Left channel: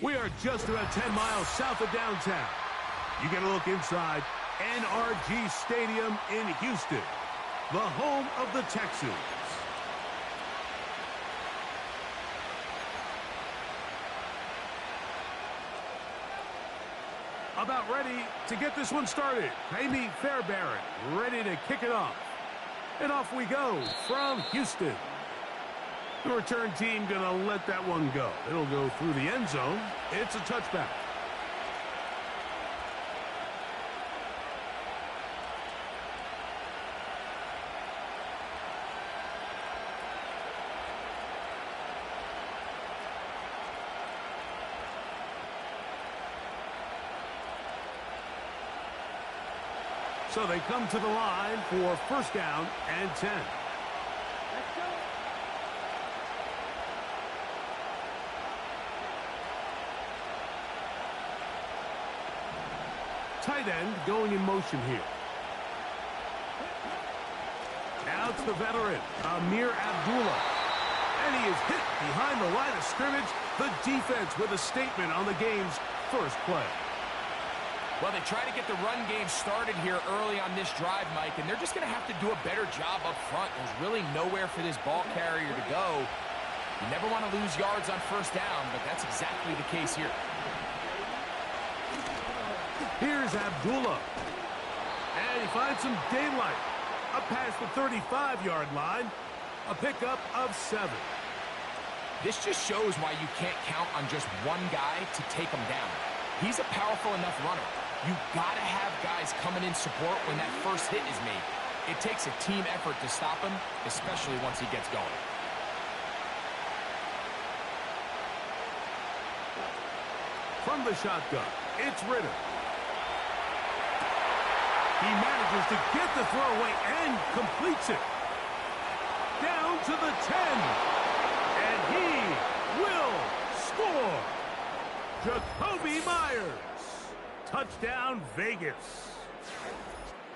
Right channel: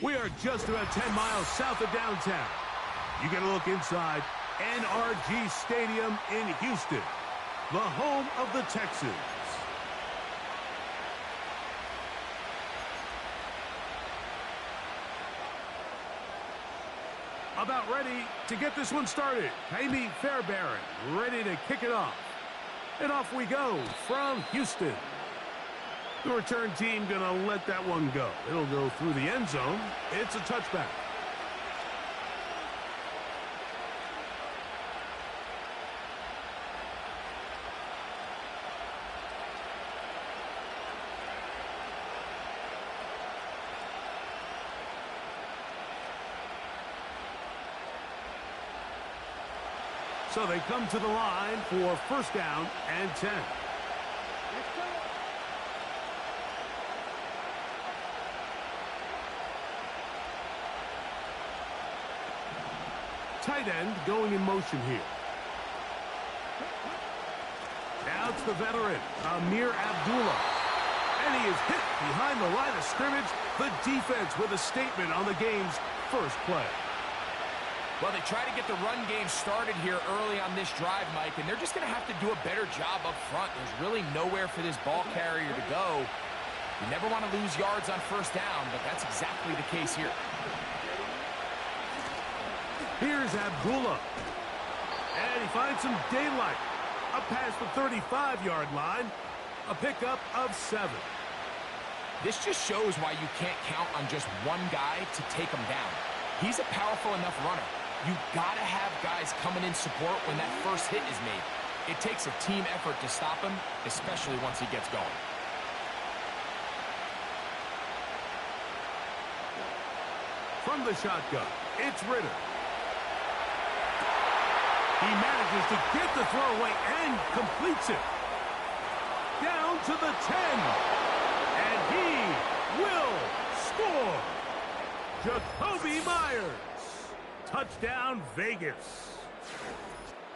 We are just about 10 miles south of downtown. You get a look inside NRG Stadium in Houston, the home of the Texans. About ready to get this one started. Amy Fairbairn ready to kick it off. And off we go from Houston. The return team going to let that one go. It'll go through the end zone. It's a touchback. So they come to the line for first down and 10. Tight end going in motion here. Now it's the veteran, Amir Abdullah. And he is hit behind the line of scrimmage. The defense with a statement on the game's first play. Well, they try to get the run game started here early on this drive, Mike, and they're just going to have to do a better job up front. There's really nowhere for this ball carrier to go. You never want to lose yards on first down, but that's exactly the case here. Here's Abdullah. And he finds some daylight. Up past the 35-yard line. A pickup of 7. This just shows why you can't count on just one guy to take him down. He's a powerful enough runner. You gotta have guys coming in support when that first hit is made. It takes a team effort to stop him, especially once he gets going. From the shotgun, it's Ritter. He manages to get the throw away and completes it. Down to the 10. And he will score. Jacoby Myers. Touchdown, Vegas.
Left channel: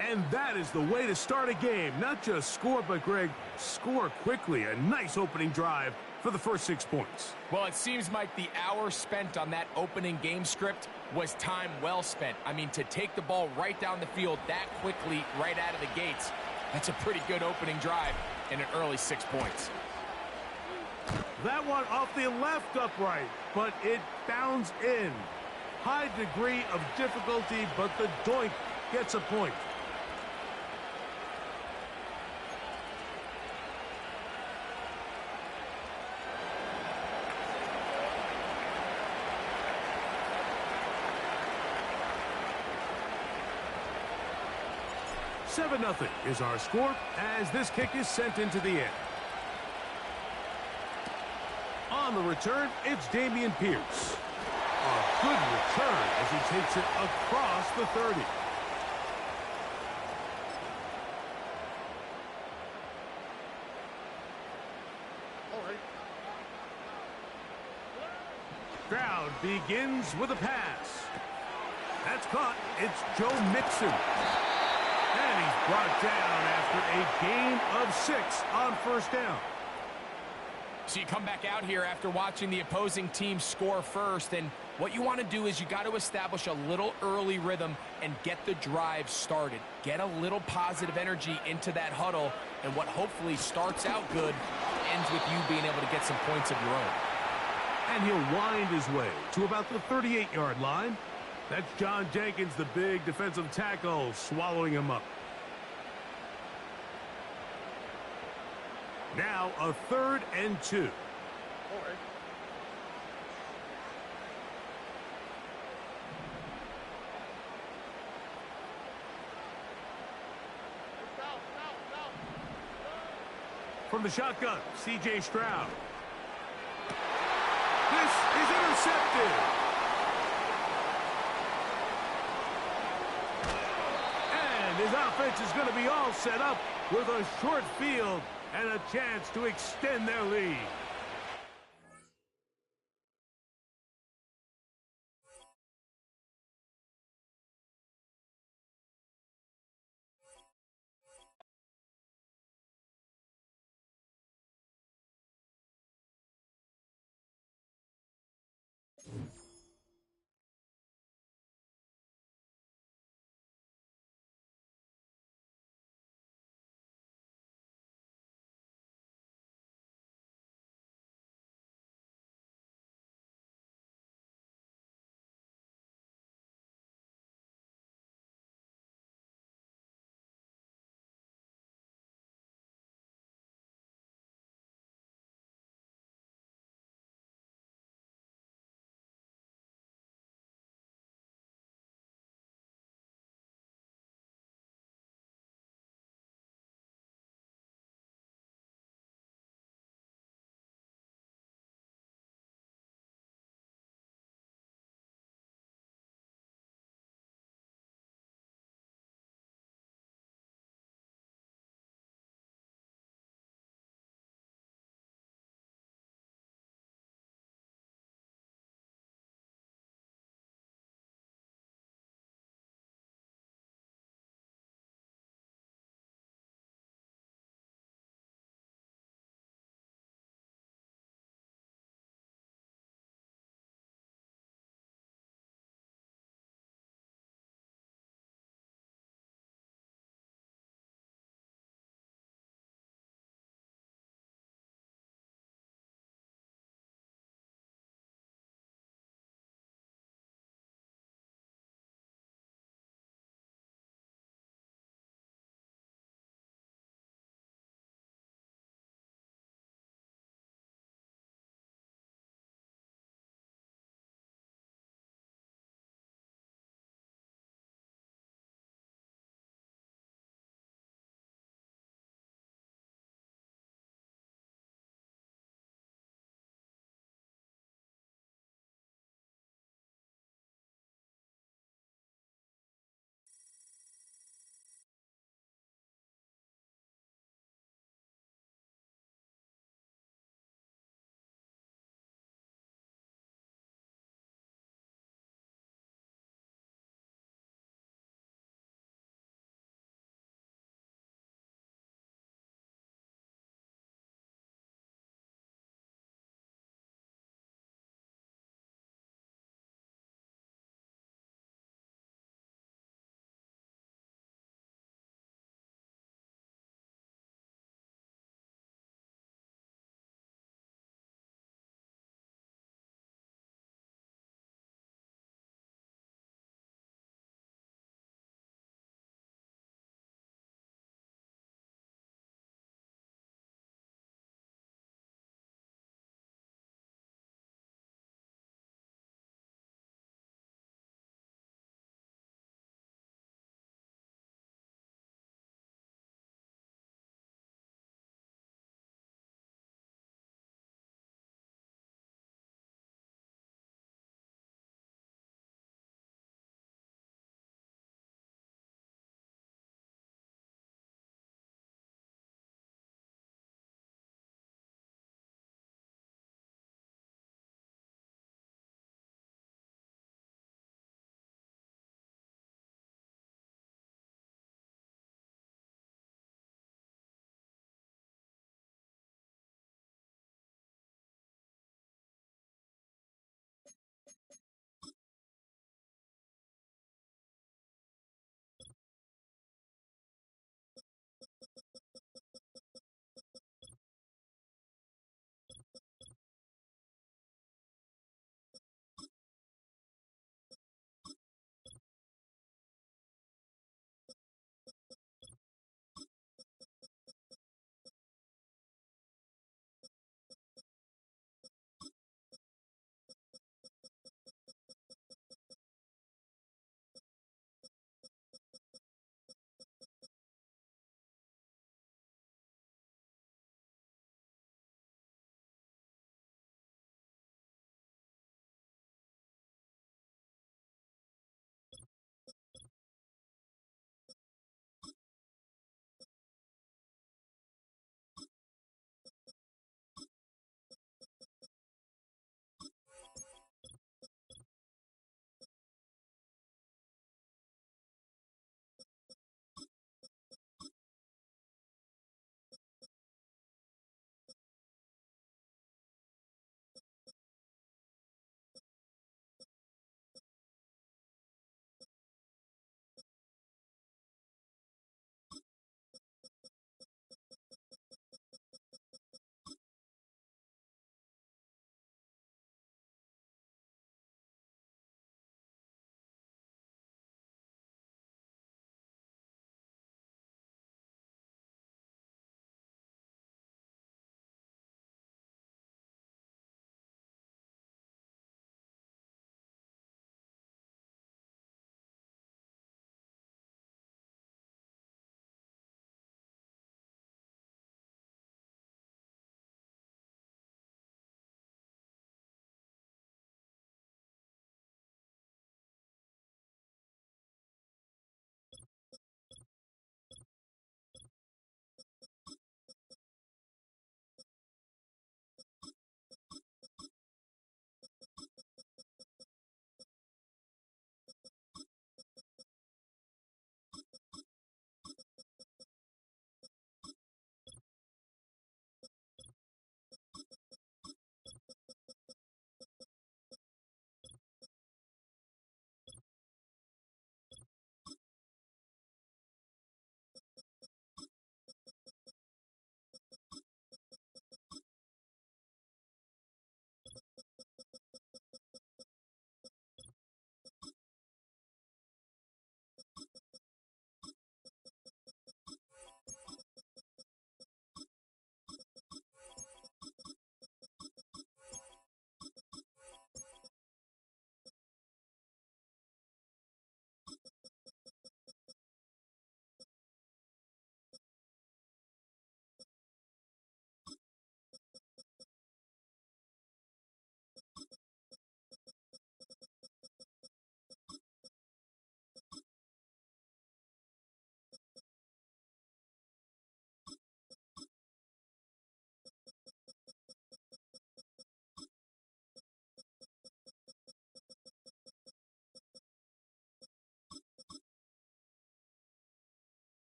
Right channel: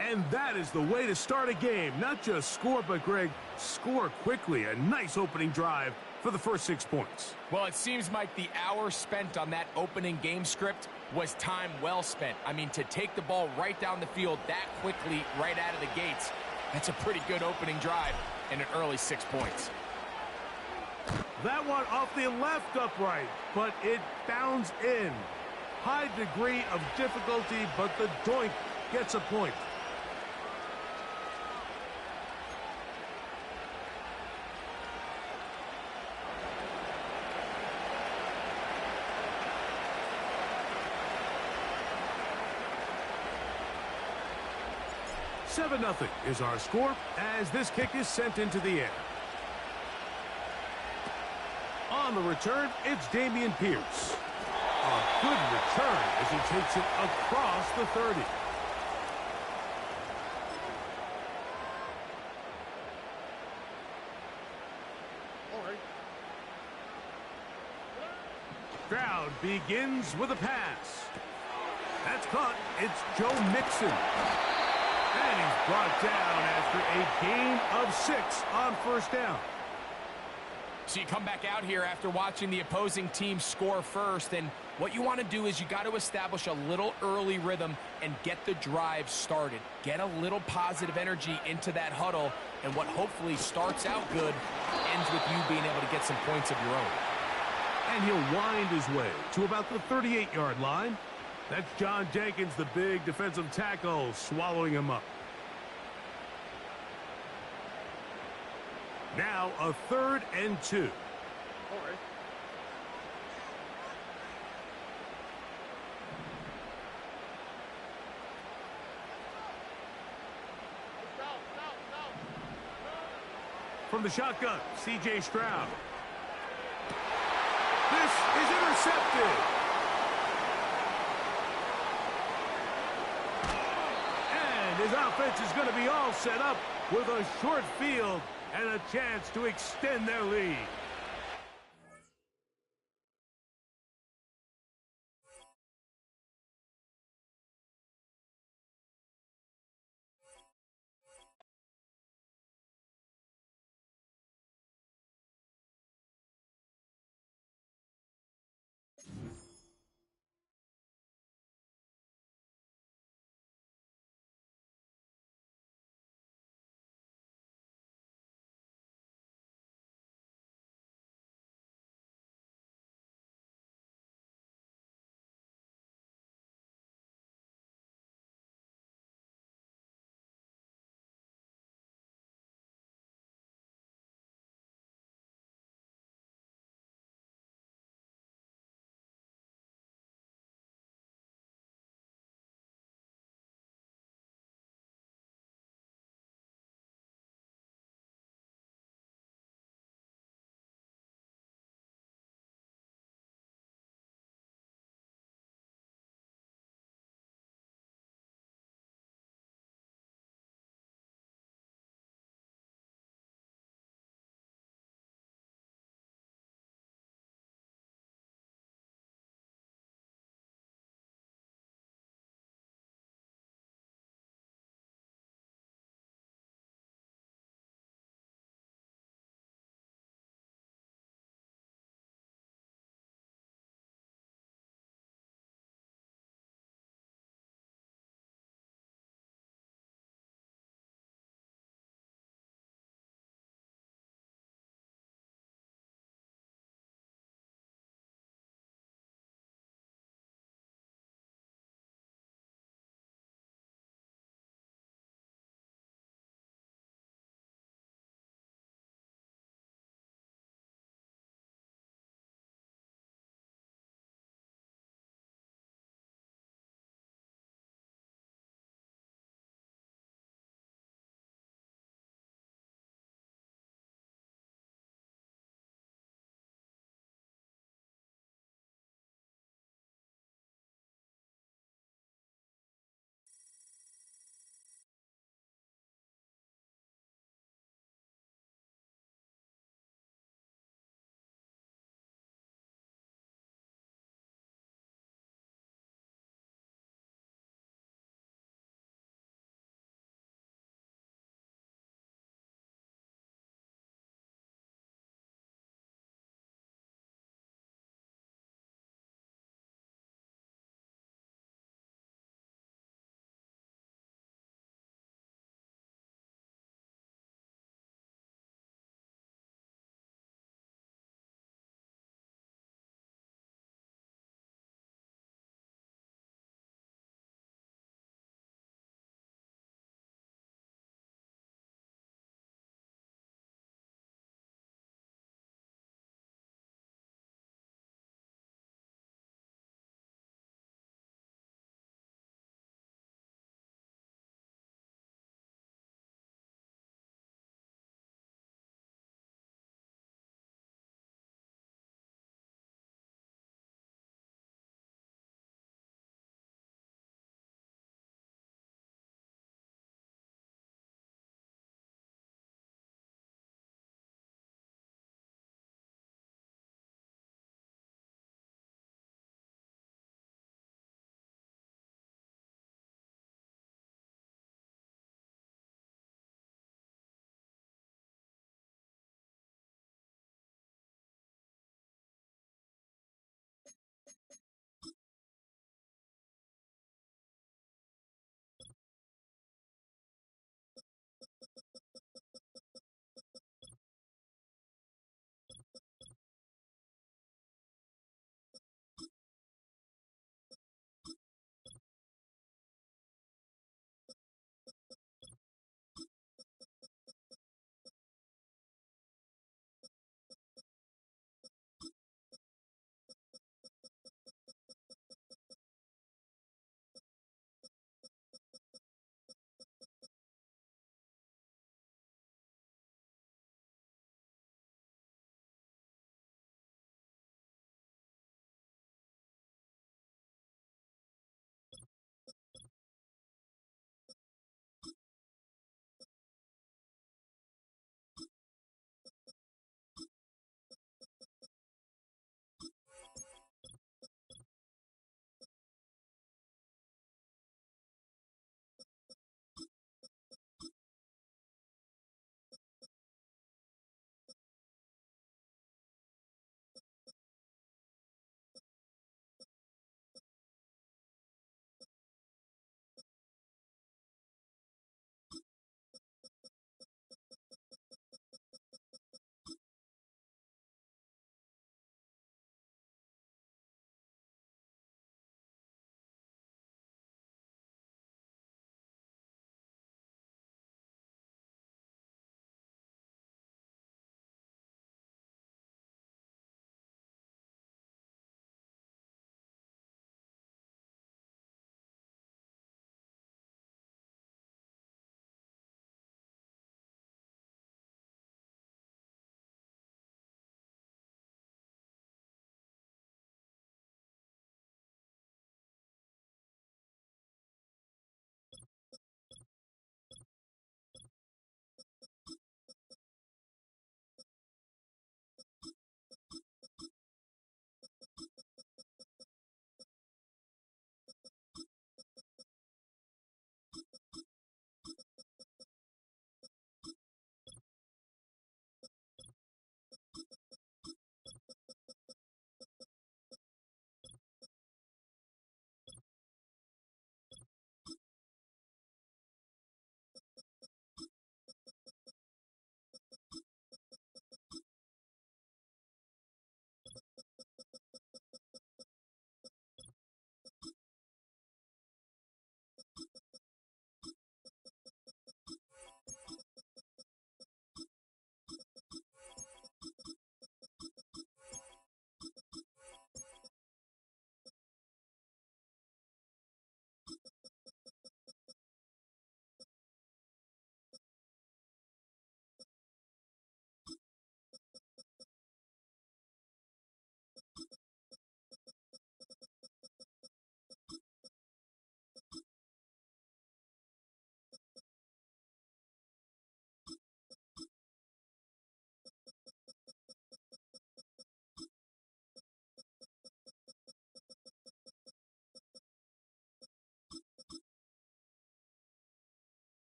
And that is the way to start a game. Not just score, but, Greg, score quickly. A nice opening drive for the first 6 points. Well, it seems like the hour spent on that opening game script was time well spent. I mean, to take the ball right down the field that quickly right out of the gates, that's a pretty good opening drive and an early 6 points. That one off the left upright, but it bounds in. High degree of difficulty, but the doink gets a point. $7-0 is our score as this kick is sent into the air. On the return, it's Damian Pierce. A good return as he takes it across the 30. Crowd begins with a pass. That's caught. It's Joe Mixon. And he's brought down after a gain of 6 on first down. So you come back out here after watching the opposing team score first, and what you want to do is you got to establish a little early rhythm and get the drive started. Get a little positive energy into that huddle, and what hopefully starts out good ends with you being able to get some points of your own. And he'll wind his way to about the 38-yard line. That's John Jenkins, the big defensive tackle, swallowing him up. Now a 3rd and 2. From the shotgun, C.J. Stroud. This is intercepted. And his offense is going to be all set up with a short field and a chance to extend their lead.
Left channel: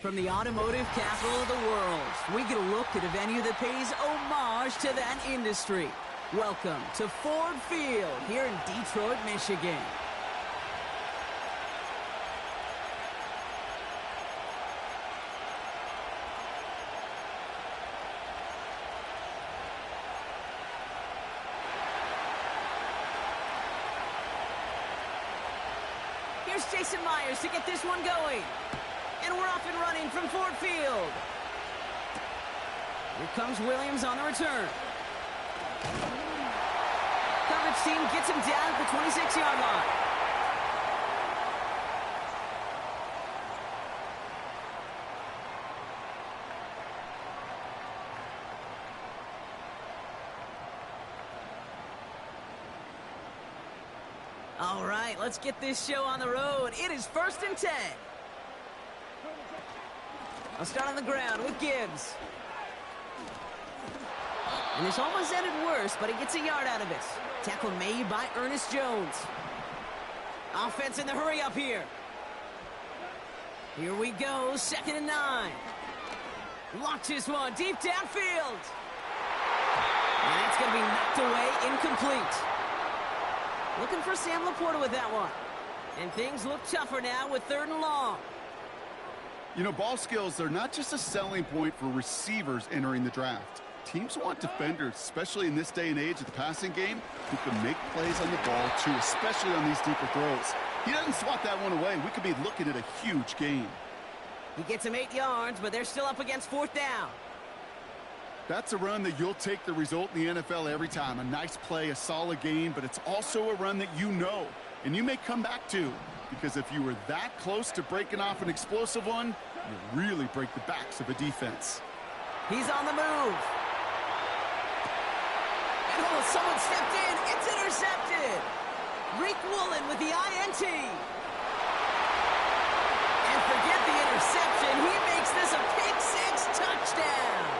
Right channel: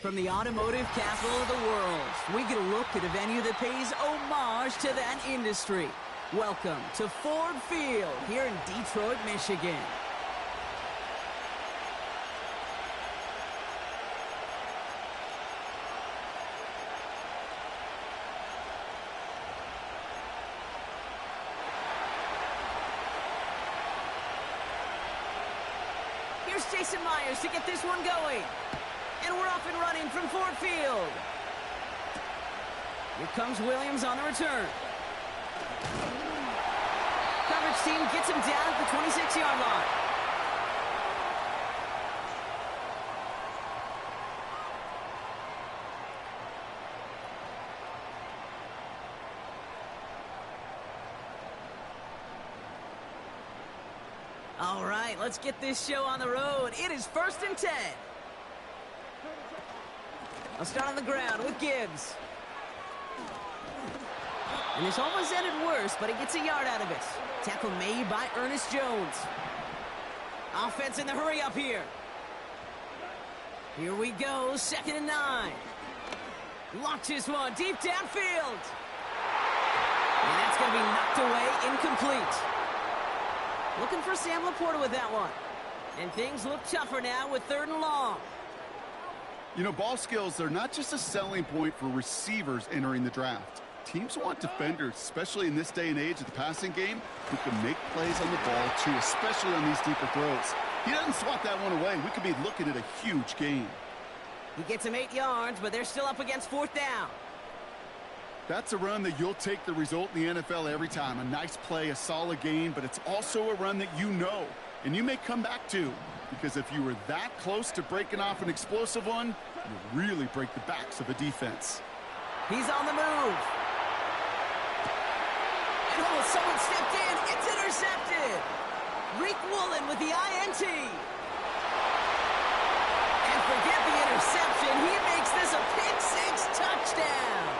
From the automotive capital of the world, we get a look at a venue that pays homage to that industry. Welcome to Ford Field here in Detroit, Michigan. Here's Jason Myers to get this one going. And we're off and running from Ford Field. Here comes Williams on the return. Coverage team gets him down at the 26-yard line. All right, let's get this show on the road. It is 1st and 10. I'll start on the ground with Gibbs. And this almost ended worse, but he gets a yard out of it. Tackle made by Ernest Jones. Offense in the hurry up here. Here we go, 2nd and 9. Launches one deep downfield. And that's going to be knocked away, incomplete. Looking for Sam Laporta with that one. And things look tougher now with 3rd and long. You know, ball skills are not just a selling point for receivers entering the draft. Teams want defenders, especially in this day and age of the passing game, who can make plays on the ball, too, especially on these deeper throws. He doesn't swat that one away. We could be looking at a huge gain. He gets him 8 yards, but they're still up against 4th down. That's a run that you'll take the result in the NFL every time. A nice play, a solid gain, but it's also a run that you know, and you may come back to. Because if you were that close to breaking off an explosive one, you really break the backs of a defense. He's on the move. And oh, someone stepped in. It's intercepted. Reek Woolen with the INT. And forget the interception. He makes this a pick-6 touchdown.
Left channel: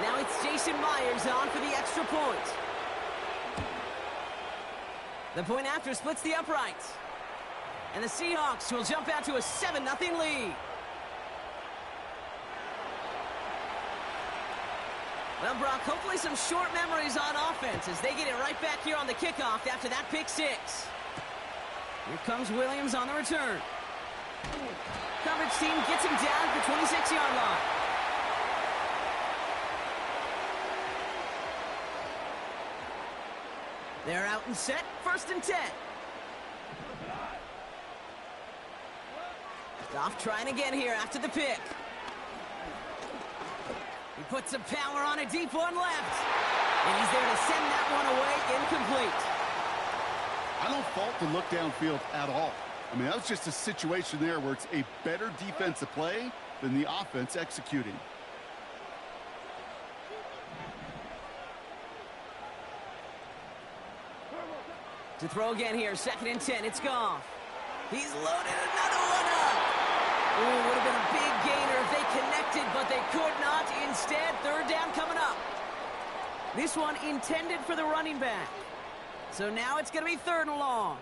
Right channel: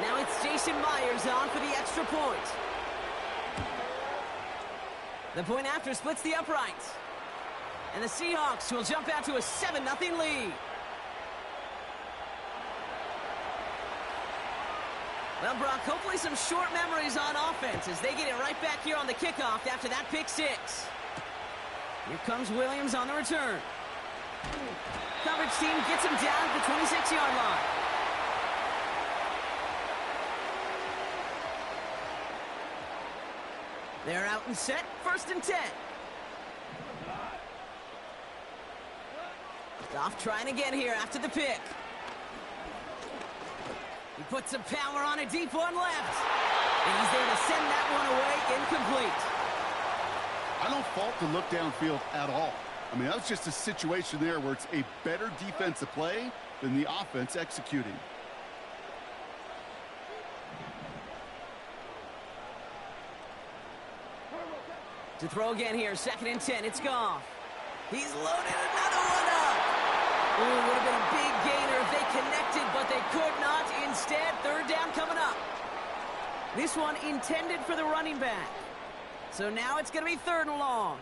Now it's Jason Myers on for the extra point. The point after splits the uprights. And the Seahawks will jump out to a 7-0 lead. Well, Brock, hopefully some short memories on offense as they get it right back here on the kickoff after that pick-6. Here comes Williams on the return. Coverage team gets him down at the 26-yard line. They're out and set, 1st and 10. Goff trying again here after the pick. He puts some power on a deep one left. And he's there to send that one away, incomplete. I don't fault the look downfield at all. I mean, that was just a situation there where it's a better defensive play than the offense executing. To throw again here, 2nd and 10, it's Goff. He's loaded another one up. Ooh, would have been a big gainer if they connected, but they could not. Instead, 3rd down coming up. This one intended for the running back. So now it's going to be 3rd and long.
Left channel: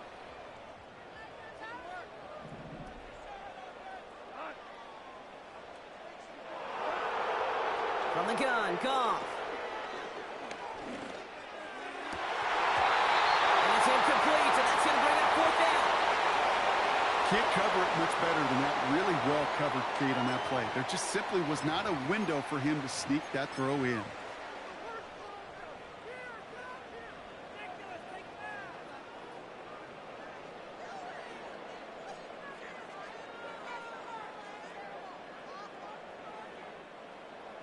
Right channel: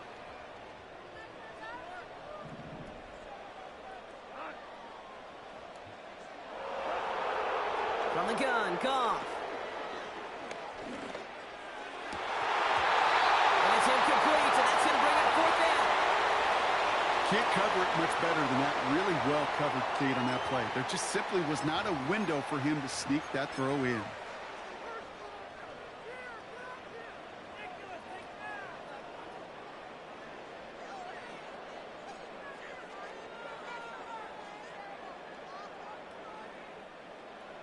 From the gun, Goff. And it's incomplete, and that's going to bring up 4th down. Can't cover it much better than that really well-covered Cade on that play. There just simply was not a window for him to sneak that throw in.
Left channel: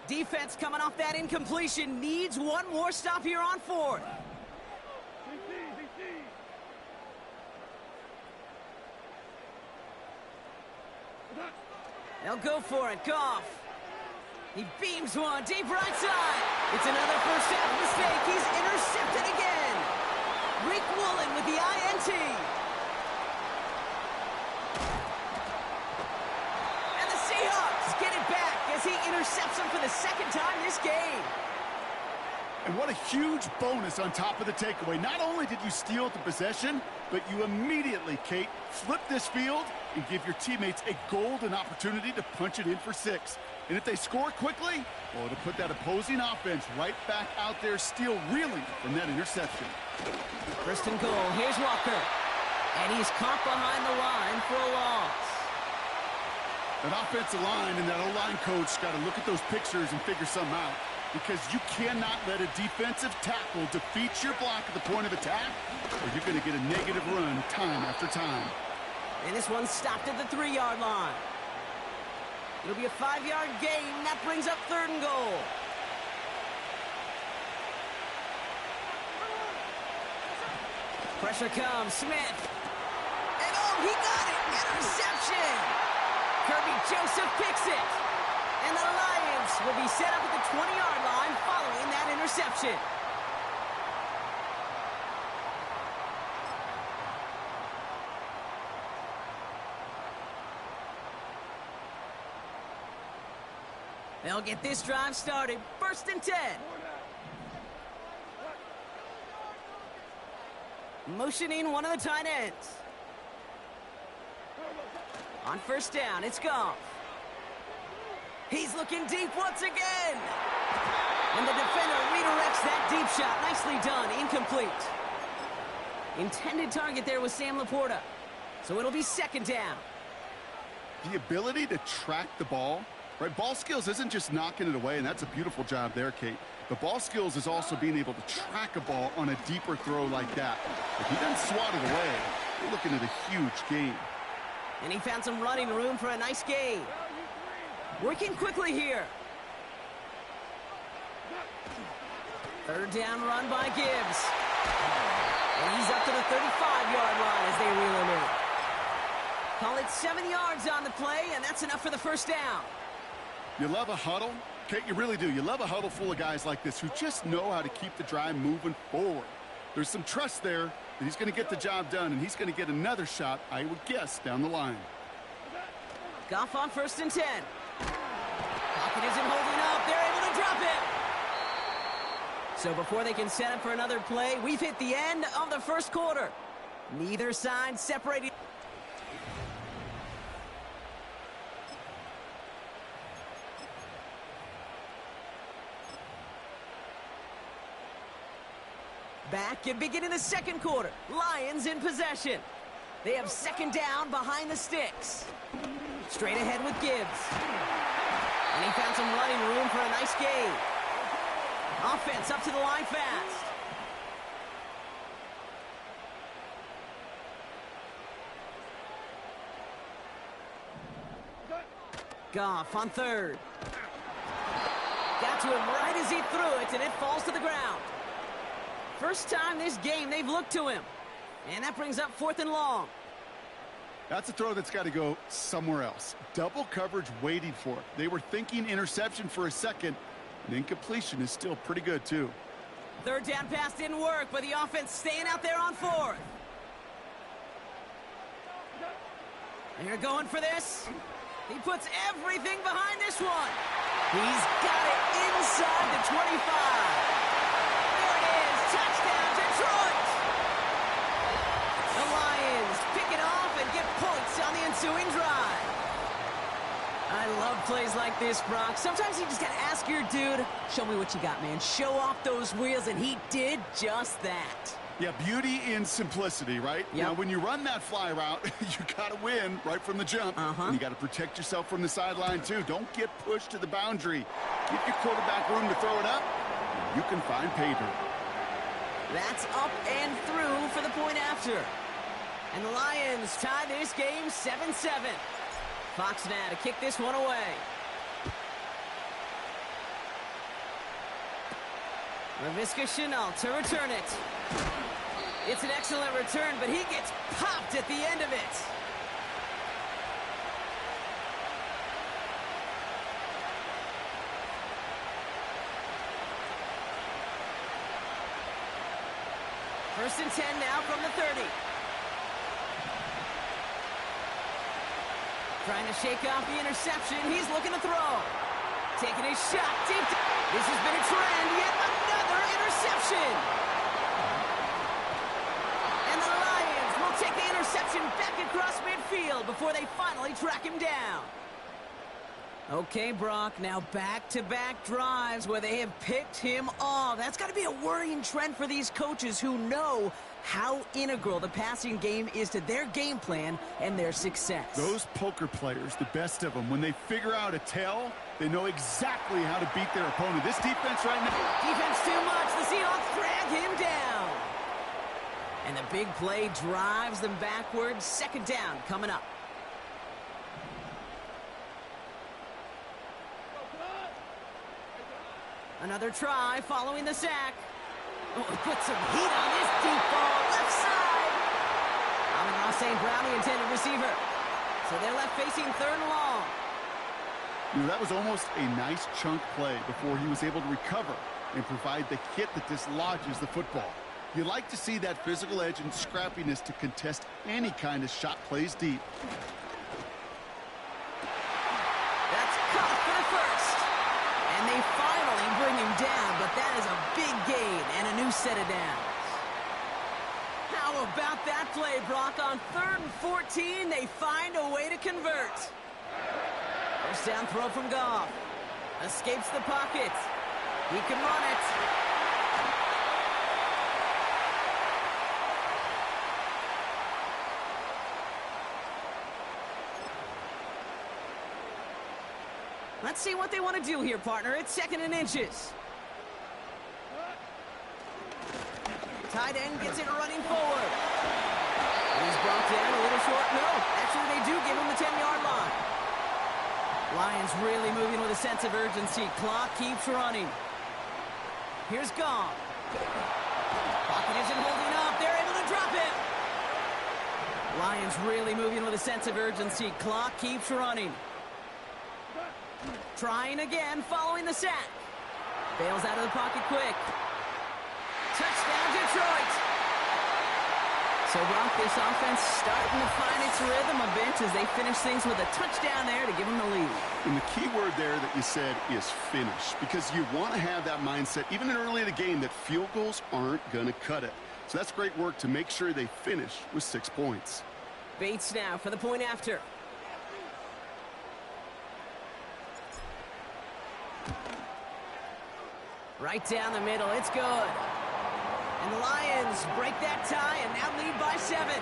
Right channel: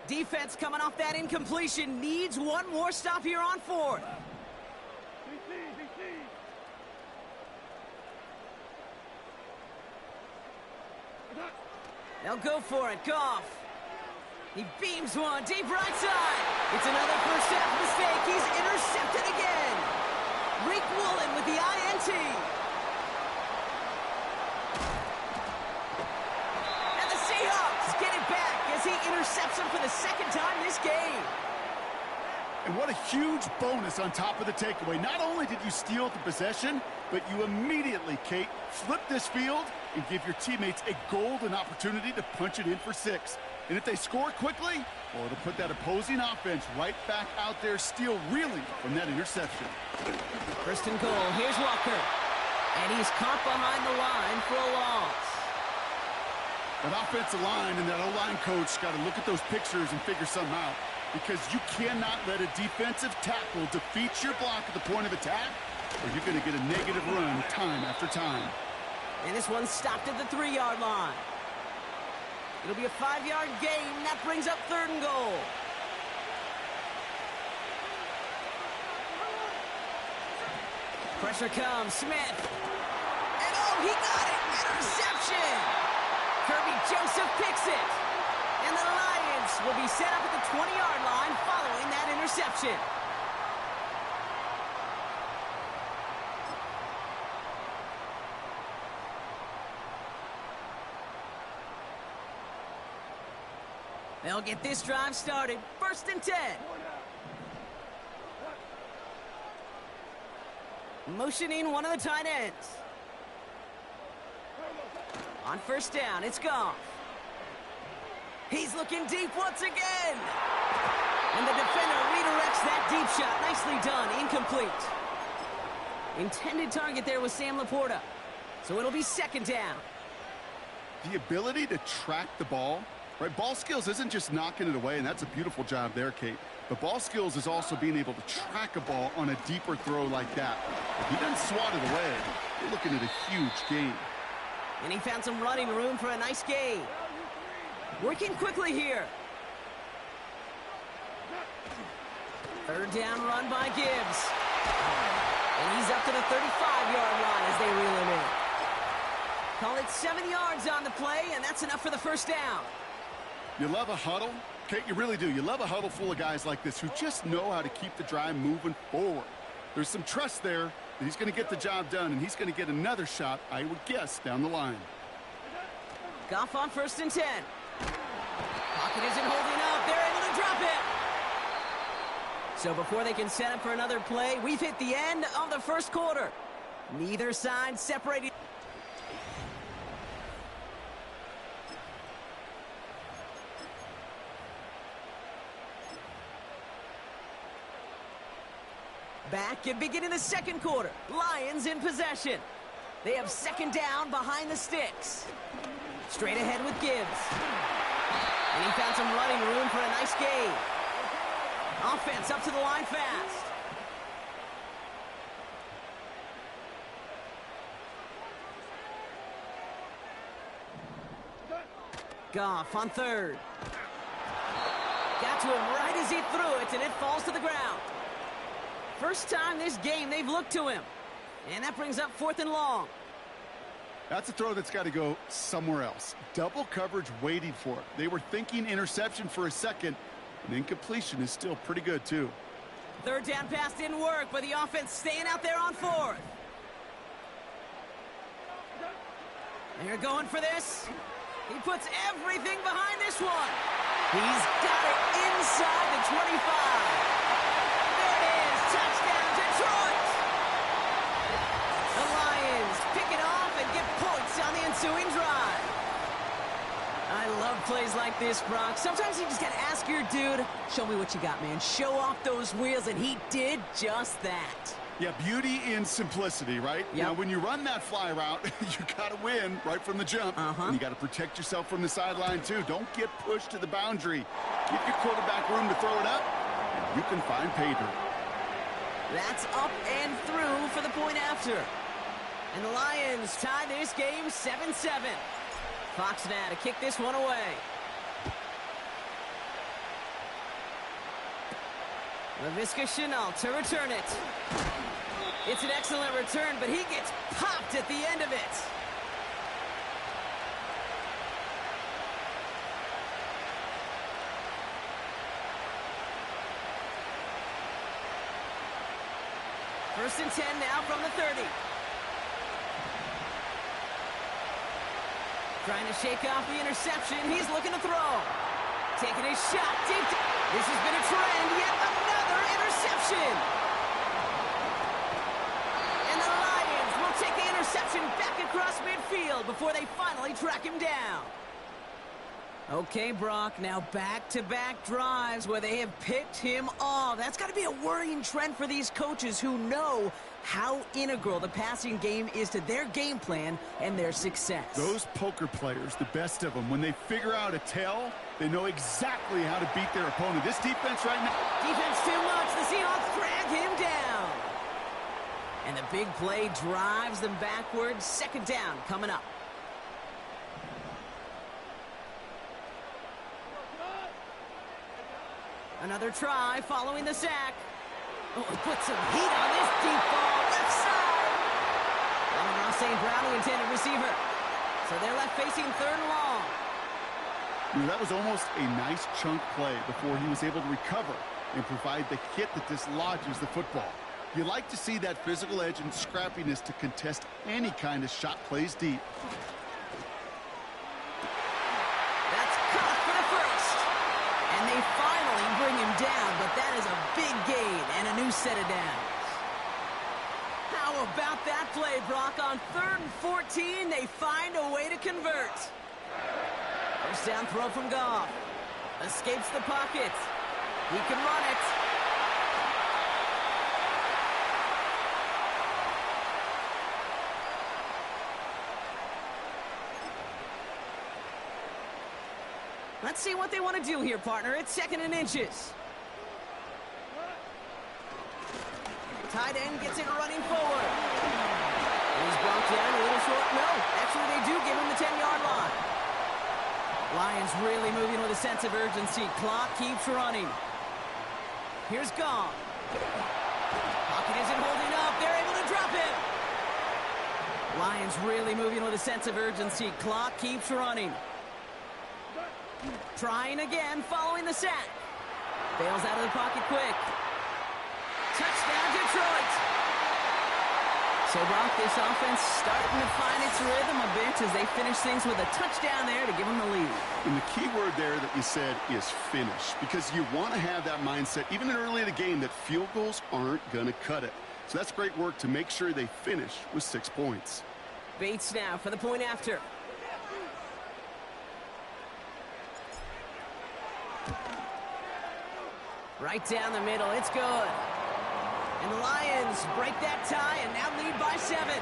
Defense coming off that incompletion needs one more stop here on 4th. They'll go for it. Goff. He beams one deep right side. It's another first half mistake. He's intercepted again. Reek Woolen with the INT. And the Seahawks get it back as he intercepts him for the 2nd time this game. And what a huge bonus on top of the takeaway. Not only did you steal the possession, but you immediately, Kate, flip this field and give your teammates a golden opportunity to punch it in for 6. And if they score quickly, well, it'll put that opposing offense right back out there, still reeling from that interception. First and goal. Here's Walker. And he's caught behind the line for a loss. That offensive line and that O-line coach got to look at those pictures and figure something out, because you cannot let a defensive tackle defeat your block at the point of attack, or you're going to get a negative run time after time. And this one stopped at the 3-yard line. It'll be a 5-yard gain. That brings up 3rd and goal. Pressure comes. Smith. And oh, he got it. Interception. Kirby Joseph picks it. And the Lions will be set up at the 20-yard line following that interception. They'll get this drive started. 1st and 10. Motioning one of the tight ends. On 1st down, it's Goff. He's looking deep once again. And the defender redirects that deep shot. Nicely done. Incomplete. Intended target there was Sam Laporta. So it'll be 2nd down. The ability to track the ball, right? Ball skills isn't just knocking it away, and that's a beautiful job there, Kate. But ball skills is also being able to track a ball on a deeper throw like that. If he doesn't swat it away, you're looking at a huge gain. And he found some running room for a nice gain. Working quickly here. 3rd down run by Gibbs. And he's up to the 35-yard line as they reel him in. Call it 7 yards on the play, and that's enough for the 1st down. You love a huddle? Kate, you really do. You love a huddle full of guys like this who just know how to keep the drive moving forward. There's some trust there that he's going to get the job done, and he's going to get another shot, I would guess, down the line. Goff on 1st and 10. Pocket isn't holding up. They're able to drop it. So before they can set up for another play, we've hit the end of the 1st quarter. Neither side separated. Back and beginning the 2nd quarter. Lions in possession. They have 2nd down behind the sticks. Straight ahead with Gibbs. And he found some running room for a nice gain. Offense up to the line fast. Goff on 3rd. Got to him right as he threw it, and it falls to the ground. First time this game they've looked to him. And that brings up 4th and long. That's a throw that's got to go somewhere else. Double coverage waiting for it. They were thinking interception for a second, and incompletion is still pretty good, too. 3rd down pass didn't work, but the offense staying out there on 4th. They're going for this. He puts everything behind this one. He's got it inside the 25. There it is. Touchdown, Detroit. The Lions pick it off and get points on the ensuing drive. I love plays like this, Brock. Sometimes you just got to ask your dude, show me what you got, man. Show off those wheels, and he did just that. Yeah, beauty in simplicity, right? Yep. Now, when you run that fly route, you got to win right from the jump. And you got to protect yourself from the sideline, too. Don't get pushed to the boundary. Give your quarterback room to throw it up, and you can find pay dirt. That's up and through for the point after. And the Lions tie this game 7-7. Fox now to kick this one away. Laviska Shenault to return it. It's an excellent return, but he gets popped at the end of it. First and 10 now from the 30. Trying to shake off the interception. He's looking to throw. Taking his shot deep. This has been a trend, yet another interception. And the Lions will take the interception back across midfield before they finally track him down. Okay, Brock, now back-to-back drives where they have picked him off. That's got to be a worrying trend for these coaches who know how integral the passing game is to their game plan and their success. Those poker players, the best of them, when they figure out a tell, they know exactly how to beat their opponent. This defense right now... Defense too much. The Seahawks drag him down. And the big play drives them backwards. Second down coming up. Another try following the sack. Oh, put some heat on this deep ball. Left side. Amon-Ra St. Brown, the intended receiver. So they're left facing third and long. That was almost a nice chunk play before he was able to recover and provide the hit that dislodges the football. You like to see that physical edge and scrappiness to contest any kind of shot plays deep. That's caught for the first. And they finally bring him down, but that is a big gain and a new set of downs. How about that play, Brock? On 3rd and 14, they find a way to convert. First down throw from Goff. Escapes the pocket. He can run it. Let's see what they want to do here, partner. It's 2nd and inches. Tight end gets it running forward. And he's brought down a little short. No, actually they do give him the 10-yard line. Lions really moving with a sense of urgency. Clock keeps running. Here's Goff. Pocket isn't holding up. They're able to drop him. Lions really moving with a sense of urgency. Clock keeps running. Trying again, following the sack. Bails out of the pocket quick. Touchdown, Detroit. So, Brock, this offense starting to find its rhythm a bit as they finish things with a touchdown there to give them the lead. And the key word there that you said is finish, because you want to have that mindset, even early in the game, that field goals aren't going to cut it. So that's great work to make sure they finish with 6 points. Bates now for the point after. Right down the middle, it's good. And the Lions break that tie and now lead by 7.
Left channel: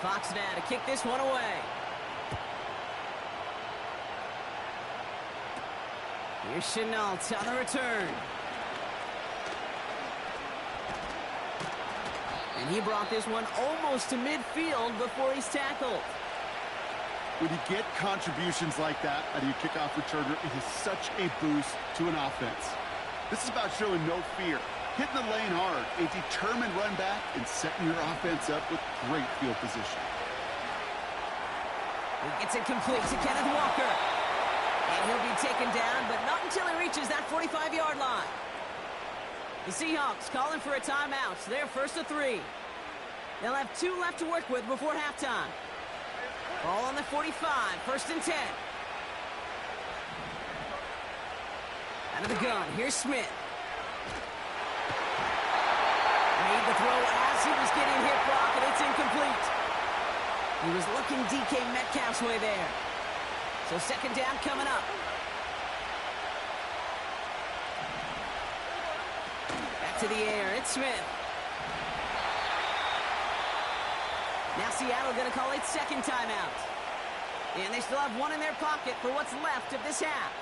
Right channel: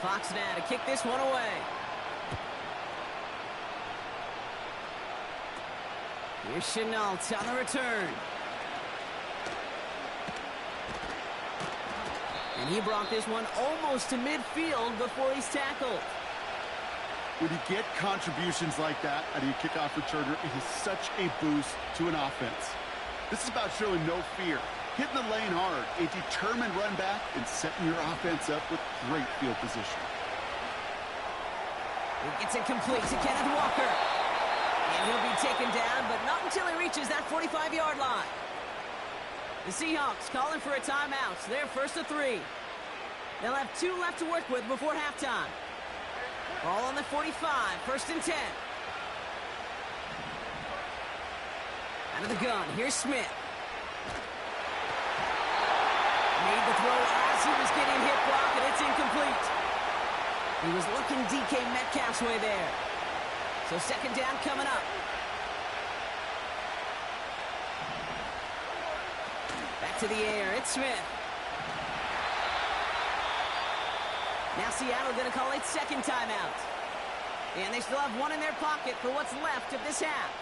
Fox now to kick this one away. Here's Chenault on the return. And he brought this one almost to midfield before he's tackled. When you get contributions like that out of your kickoff returner, it is such a boost to an offense. This is about showing no fear, hitting the lane hard, a determined run back, and setting your offense up with great field position. He gets it complete to Kenneth Walker. And he'll be taken down, but not until he reaches that 45-yard line. The Seahawks calling for a timeout. They're 1st and 3. They'll have 2 left to work with before halftime. Ball on the 45, 1st and 10. Out of the gun, here's Smith. Made the throw as he was getting hit, Brock, and it's incomplete. He was looking DK Metcalf's way there. So 2nd down coming up. Back to the air, it's Smith. Now Seattle going to call its 2nd timeout. And they still have 1 in their pocket for what's left of this half.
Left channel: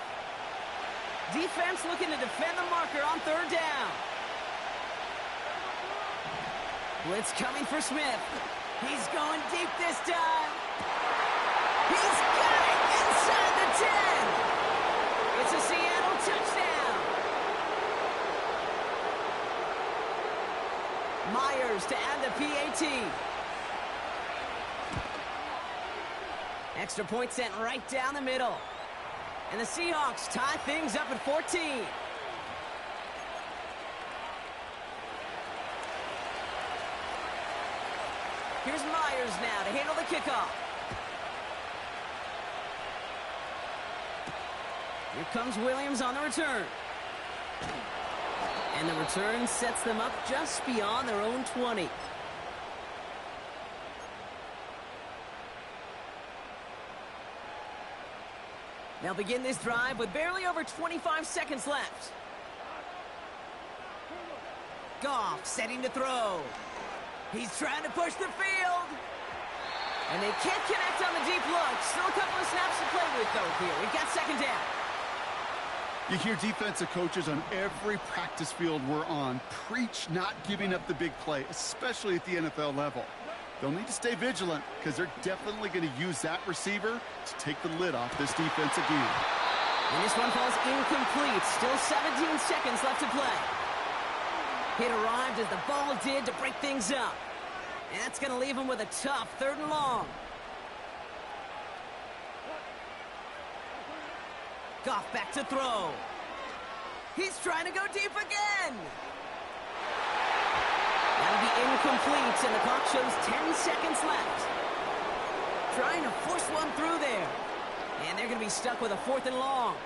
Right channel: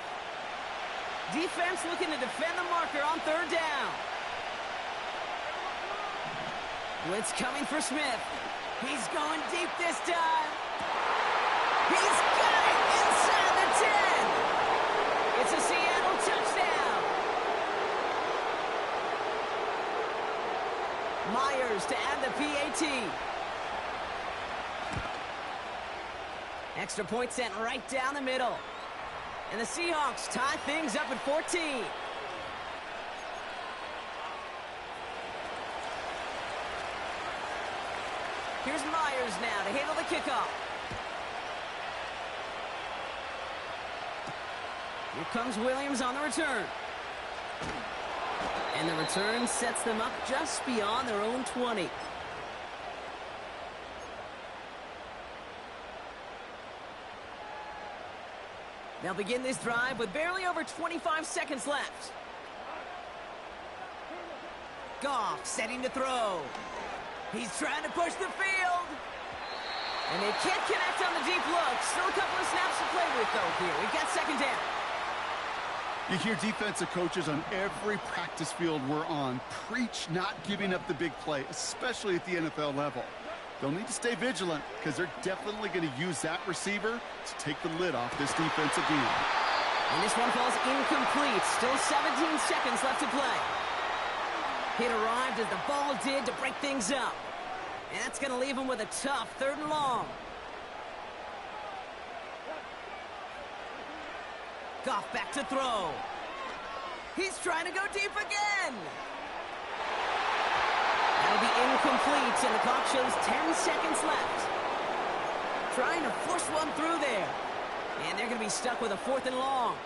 Defense looking to defend the marker on 3rd down. Blitz coming for Smith. He's going deep this time. He's got it inside the 10. It's a Seattle touchdown. Myers to add the PAT. Extra point sent right down the middle. And the Seahawks tie things up at 14. Here's Myers now to handle the kickoff. Here comes Williams on the return. And the return sets them up just beyond their own 20. They'll begin this drive with barely over 25 seconds left. Goff setting to throw. He's trying to push the field. And they can't connect on the deep look. Still a couple of snaps to play with, though, here. We've got second down. You hear defensive coaches on every practice field we're on preach not giving up the big play, especially at the NFL level. They'll need to stay vigilant because they're definitely going to use that receiver to take the lid off this defense again. And this one falls incomplete. Still 17 seconds left to play. Hit arrived as the ball did to break things up. And that's going to leave him with a tough 3rd and long. Goff back to throw. He's trying to go deep again. That'll be incomplete, and the clock shows 10 seconds left. Trying to force one through there. And they're going to be stuck with a 4th and long.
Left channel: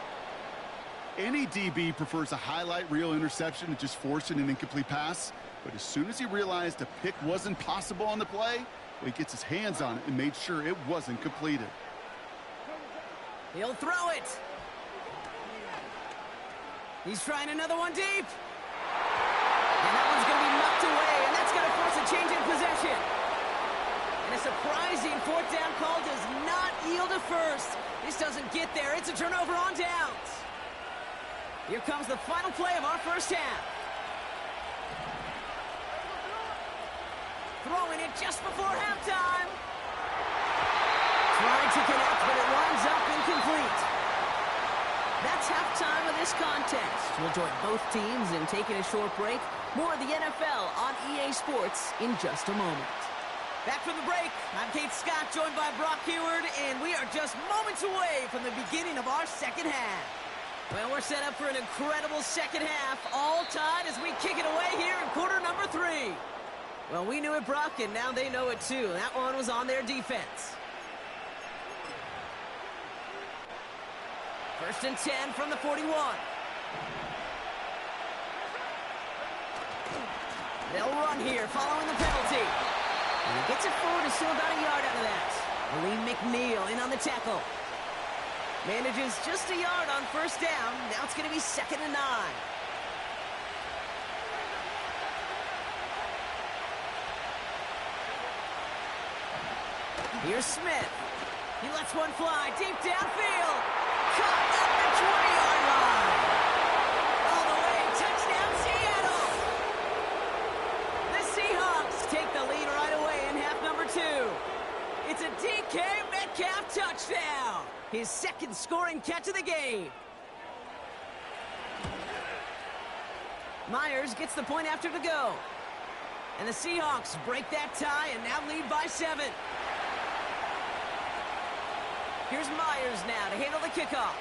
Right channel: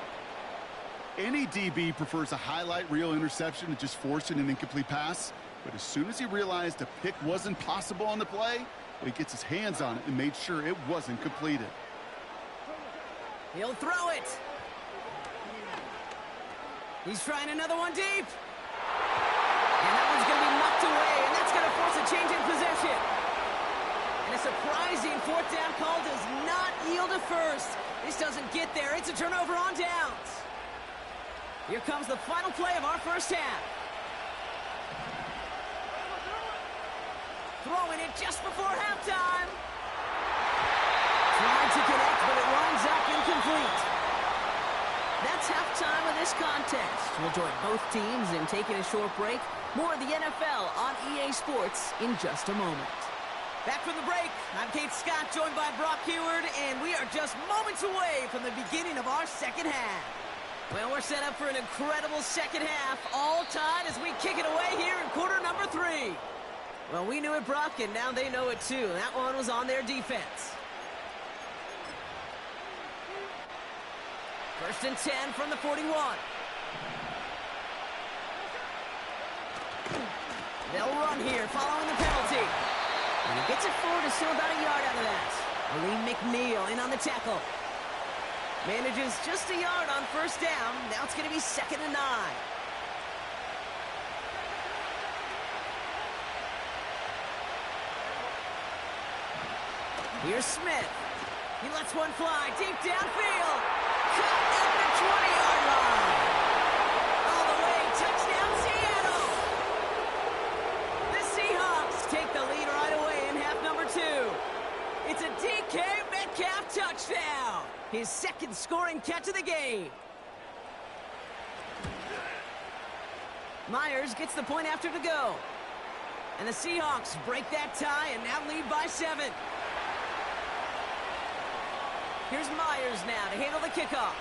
Any DB prefers a highlight reel interception to just forcing an incomplete pass. But as soon as he realized a pick wasn't possible on the play, well, he gets his hands on it and made sure it wasn't completed. He'll throw it. He's trying another one deep. And that one's going to be mucked away, and that's going to force a change in possession. And a surprising 4th down call does not yield a first. This doesn't get there. It's a turnover on downs. Here comes the final play of our first half. Throwing it just before halftime. Trying to connect, but it winds up incomplete. That's halftime of this contest. We'll join both teams in taking a short break. More of the NFL on EA Sports in just a moment. Back from the break, I'm Kate Scott, joined by Brock Heward, and we are just moments away from the beginning of our second half. Well, we're set up for an incredible second half, all tied as we kick it away here in quarter number 3. Well, we knew it, Brock, and now they know it too. That one was on their defense. 1st and 10 from the 41. They'll run here following the penalty. And he gets it forward to still about a yard out of that. Lee McNeil in on the tackle. Manages just a yard on 1st down. Now it's going to be 2nd and 9. Here's Smith. He lets one fly deep downfield. Caught at the 20-yard line. All the way, touchdown Seattle. The Seahawks take the lead right away in half number 2. It's a DK Metcalf touchdown. His 2nd scoring catch of the game. Myers gets the point after to go. And the Seahawks break that tie and now lead by 7. Here's Myers now to handle the kickoff.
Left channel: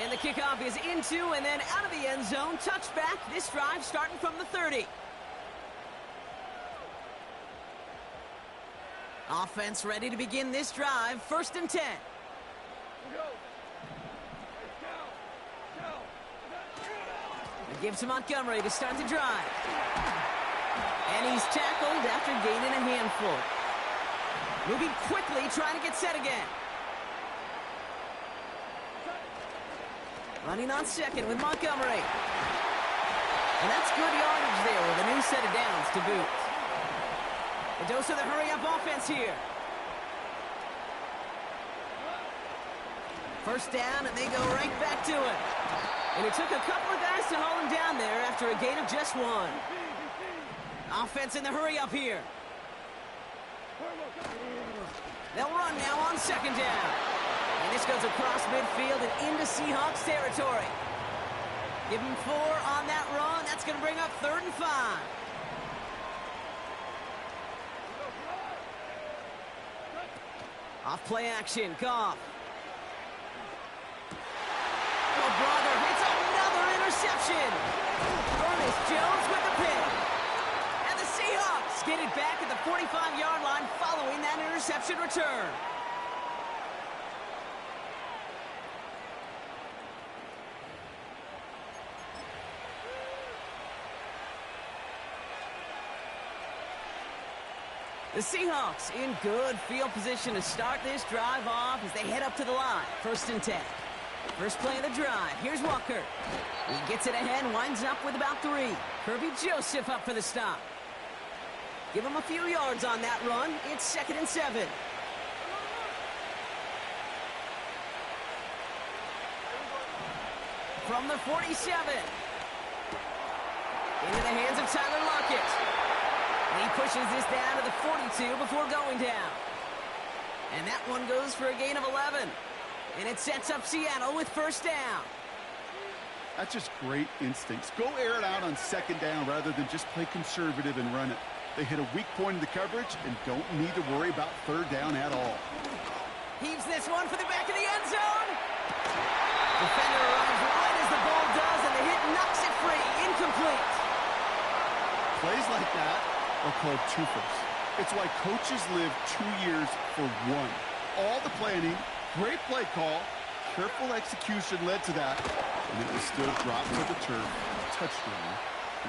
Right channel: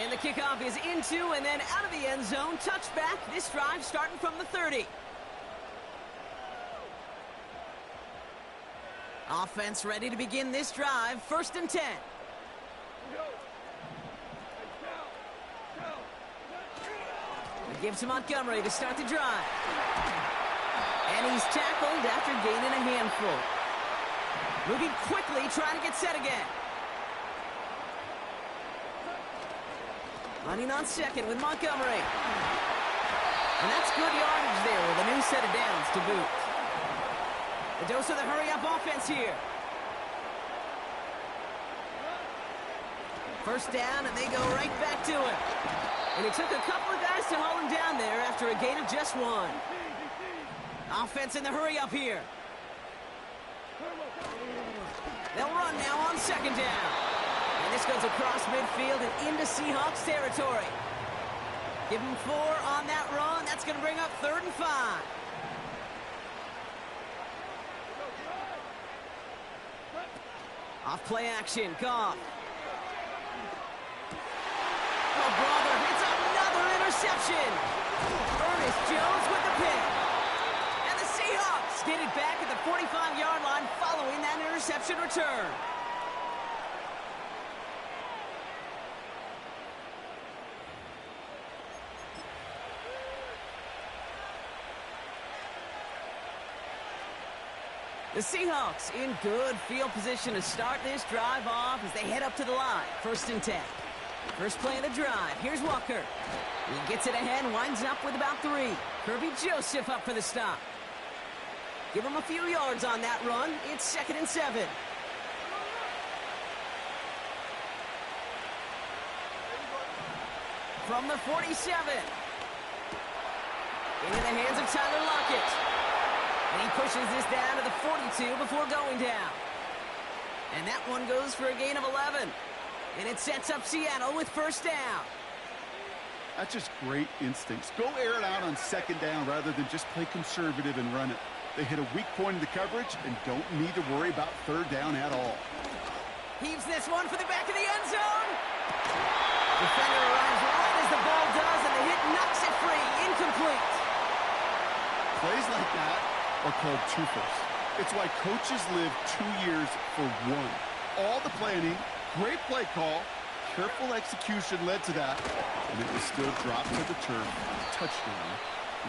And the kickoff is into and then out of the end zone. Touchback. This drive starting from the 30. Offense ready to begin this drive. 1st and 10. It gives to Montgomery to start the drive. And he's tackled after gaining a handful. Moving quickly, trying to get set again. Running on 2nd with Montgomery. And that's good yardage there with a new set of downs to boot. A dose of the hurry-up offense here. 1st down, and they go right back to him. And it took a couple of guys to haul him down there after a gain of just 1. Offense in the hurry-up here. They'll run now on 2nd down. And this goes across midfield and into Seahawks territory. Give him 4 on that run. That's going to bring up 3rd and 5. Off play action, Goff. Oh, brother, it's another interception. Ernest Jones with the pick. And the Seahawks get it back at the 45-yard line following that interception return. The Seahawks in good field position to start this drive off as they head up to the line. 1st and 10. First play of the drive. Here's Walker. He gets it ahead, winds up with about 3. Kirby Joseph up for the stop. Give him a few yards on that run. It's 2nd and 7. From the 47. Into the hands of Tyler Lockett. And he pushes this down to the 42 before going down. And that one goes for a gain of 11. And it sets up Seattle with 1st down. That's just great instincts. Go air it out on 2nd down rather than just play conservative and run it. They hit a weak point in the coverage and don't need to worry about 3rd down at all. Heaves this one for the back of the end zone. Defender arrives right as the ball does, and the hit knocks it free. Incomplete. Plays like that are called twofers. It's why coaches live 2 years for one. All the planning, great play call, careful execution led to that, and it was still dropped to the turf. Touchdown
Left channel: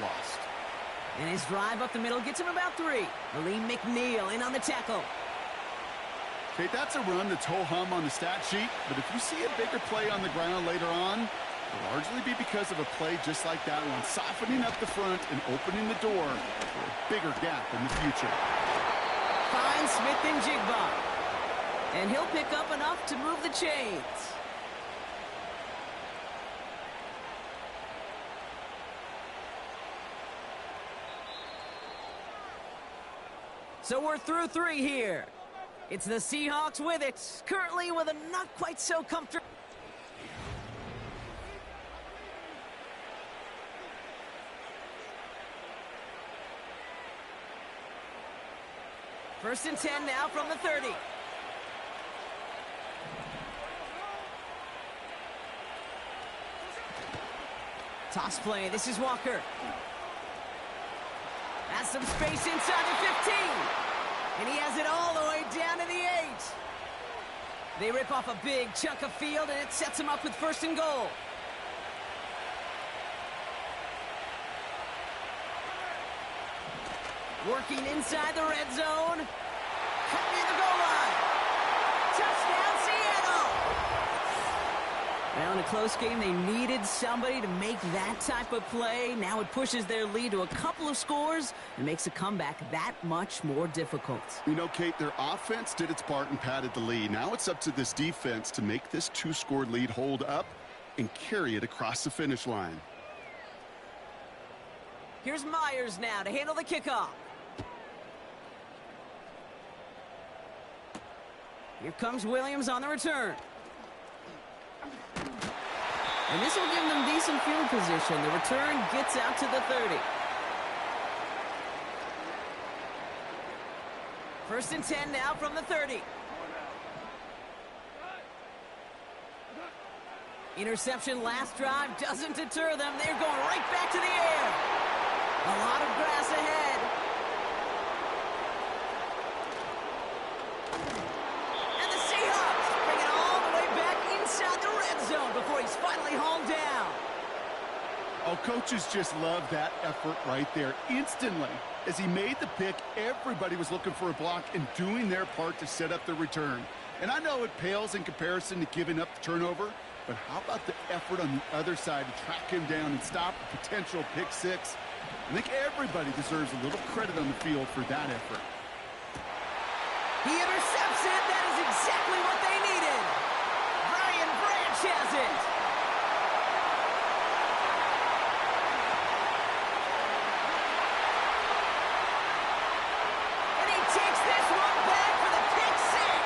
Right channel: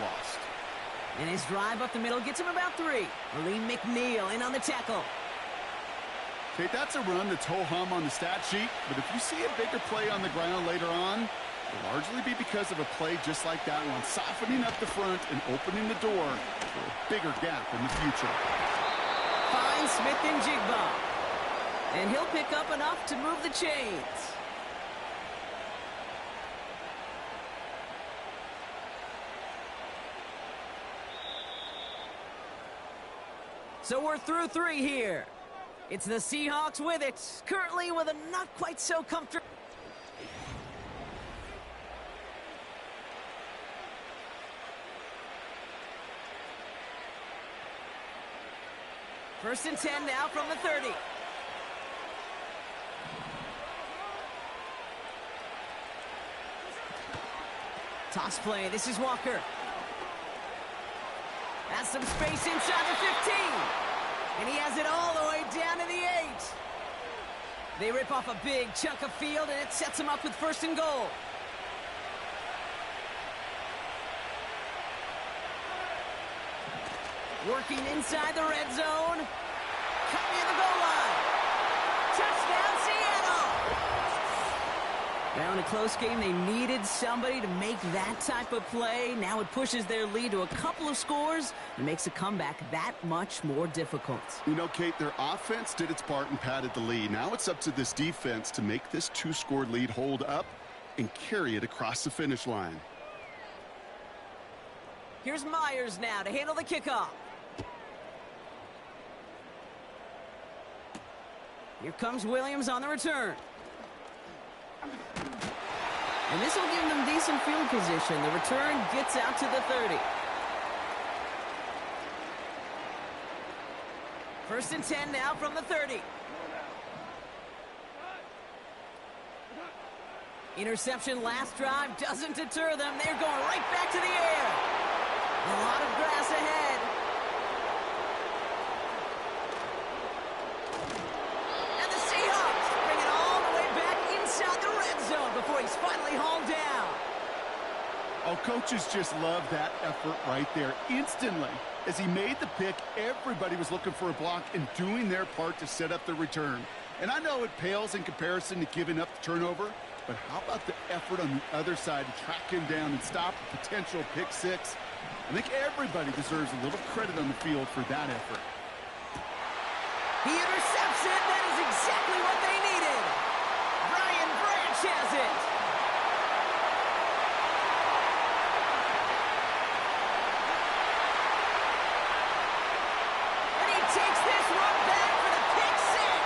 lost. And his drive up the middle gets him about 3. Aleem McNeil in on the tackle. Okay, that's a run that's ho-hum on the stat sheet, but if you see a bigger play on the ground later on, it'll largely be because of a play just like that one, softening up the front and opening the door for a bigger gap in the future. Finds Smith and Jigba. And he'll pick up enough to move the chains. So we're through 3 here. It's the Seahawks with it, currently with a not quite so comfortable. First and 10 now from the 30. Toss play, this is Walker. That's some space inside the 15. And he has it all the way down to the 8. They rip off a big chunk of field, and it sets him up with 1st and goal. Working inside the red zone. Cut near the goal line. Touchdown, Seattle! Well, in a close game, they needed somebody to make that type of play. Now it pushes their lead to a couple of scores and makes a comeback that much more difficult. You know, Kate, their offense did its part and padded the lead. Now it's up to this defense to make this 2-score lead hold up and carry it across the finish line. Here's Myers now to handle the kickoff. Here comes Williams on the return. And this will give them decent field position. The return gets out to the 30. First and 10 now from the 30. Interception last drive doesn't deter them. They're going right back to the air. A lot of grass ahead. And the Seahawks bring it all the way back inside the red zone before he's finally hauled down. Oh, coaches just love that effort right there. Instantly, as he made the pick, everybody was looking for a block and doing their part to set up the return. And I know it pales in comparison to giving up the turnover, but how about the effort on the other side to track him down and stop a potential pick six? I think everybody deserves a little credit on the field for that effort. He intercepts it. That is exactly what they needed. Brian Branch has it. And he takes this one back for the pick six.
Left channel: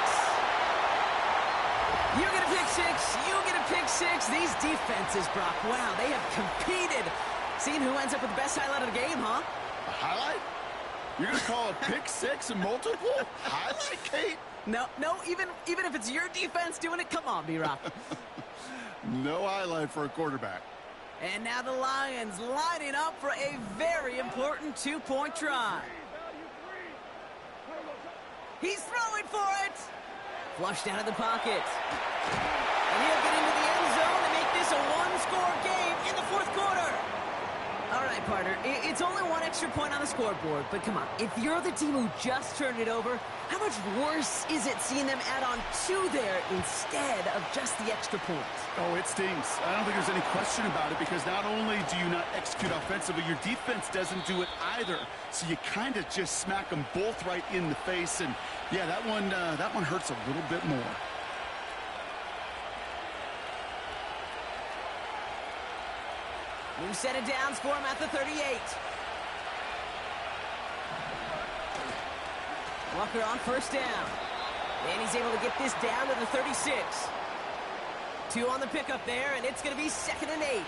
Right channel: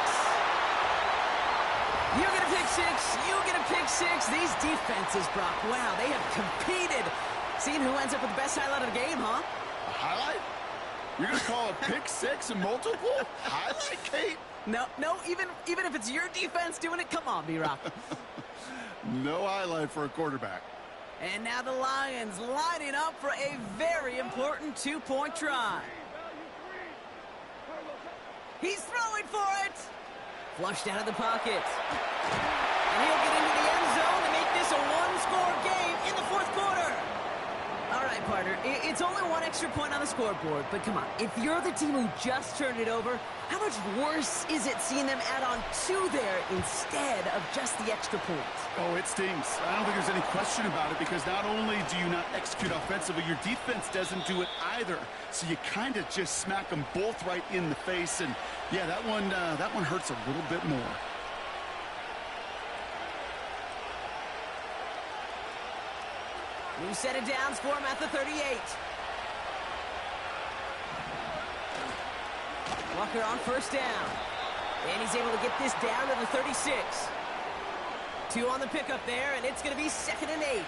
You get a pick six. You get a pick six. These defenses, Brock, wow, they have competed. Seeing who ends up with the best highlight of the game, huh? A highlight? You're going to call a pick six and multiple? Highlight, Kate? No, even if it's your defense doing it, come on, B-Rock. No highlight for a quarterback. And now the Lions lining up for a very important two-point try. He's throwing for it. Flushed out of the pocket. And he'll get into the end zone to make this a one-score game in the fourth quarter. All right, right, partner. It's only one extra point on the scoreboard, but come on. If you're the team who just turned it over, how much worse is it seeing them add on 2 there instead of just the extra point? Oh, it stings. I don't think there's any question about it, because not only do you not execute offensively, your defense doesn't do it either. So you kind of just smack them both right in the face, and yeah, that one hurts a little bit more. New set of downs for him at the 38. Walker on first down. And he's able to get this down to the 36. 2 on the pickup there, and it's going to be 2nd and 8.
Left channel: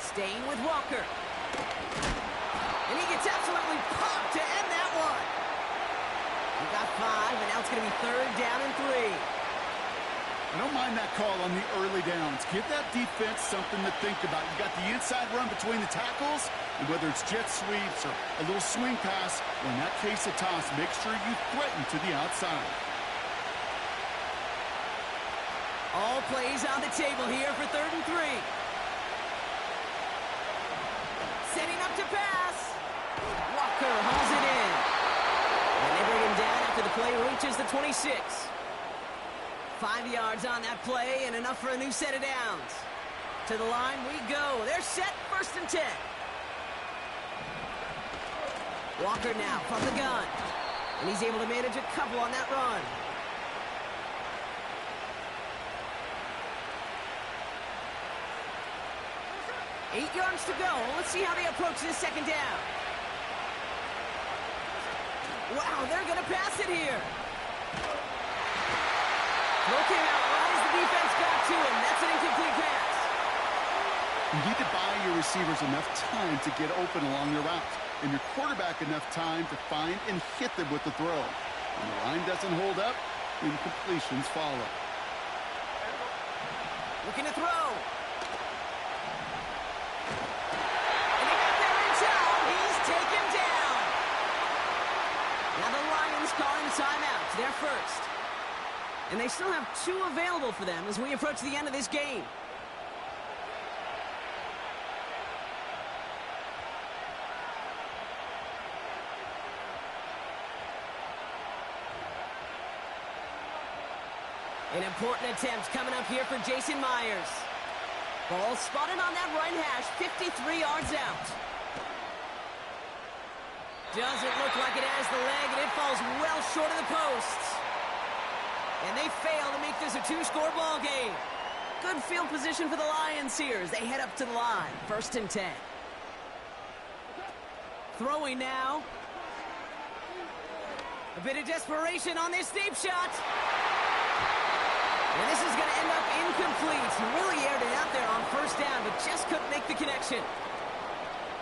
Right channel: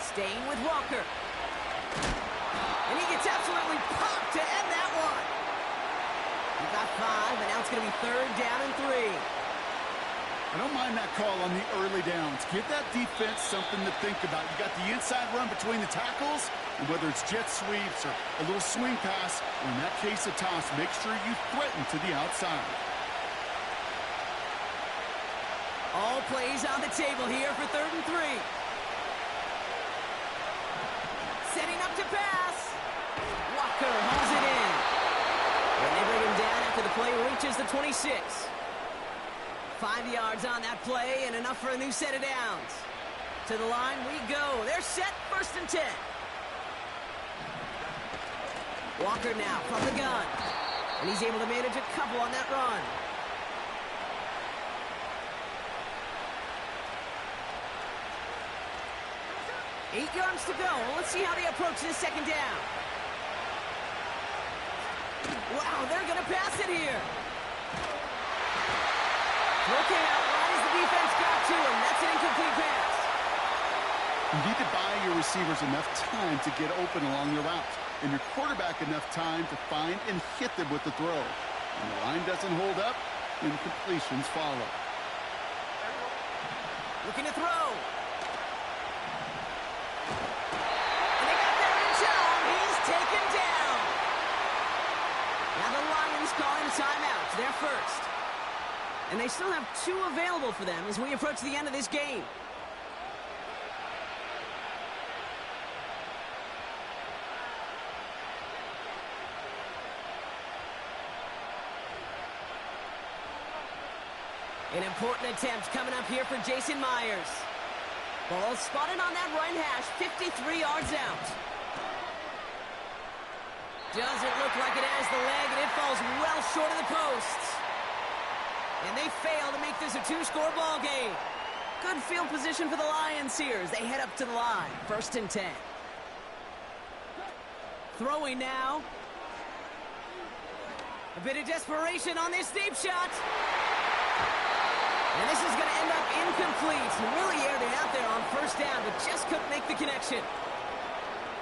Staying with Walker. And he gets absolutely popped to end that one. He got 5, and now it's going to be 3rd down and 3. I don't mind that call on the early downs. Give that defense something to think about. You got the inside run between the tackles, and whether it's jet sweeps or a little swing pass, or in that case a toss, make sure you threaten to the outside. All plays on the table here for 3rd and 3. Setting up to pass. Walker hauls it in. And they bring him down after the play reaches the 26. 5 yards on that play and enough for a new set of downs. To the line we go. They're set, 1st and 10. Walker now from the gun. And he's able to manage a couple on that run. Eight yards to go. Let's see how they approach this 2nd down. Wow, they're going to pass it here. Throw came out right as the defense got to him. That's an incomplete pass. You need to buy your receivers enough time to get open along their route, and your quarterback enough time to find and hit them with the throw. When the line doesn't hold up, incompletions follow. Looking to throw. And they got there in time. He's taken down. Now the Lions calling a timeout. They're first. And they still have 2 available for them as we approach the end of this game. An important attempt coming up here for Jason Myers. Ball spotted on that right hash, 53 yards out. Doesn't look like it has the leg, and it falls well short of the posts. And they fail to make this a 2-score ball game. Good field position for the Lions here as they head up to the line. 1st and 10. Throwing now. A bit of desperation on this deep shot. And this is going to end up incomplete. He really aired it out there on 1st down, but just couldn't make the connection.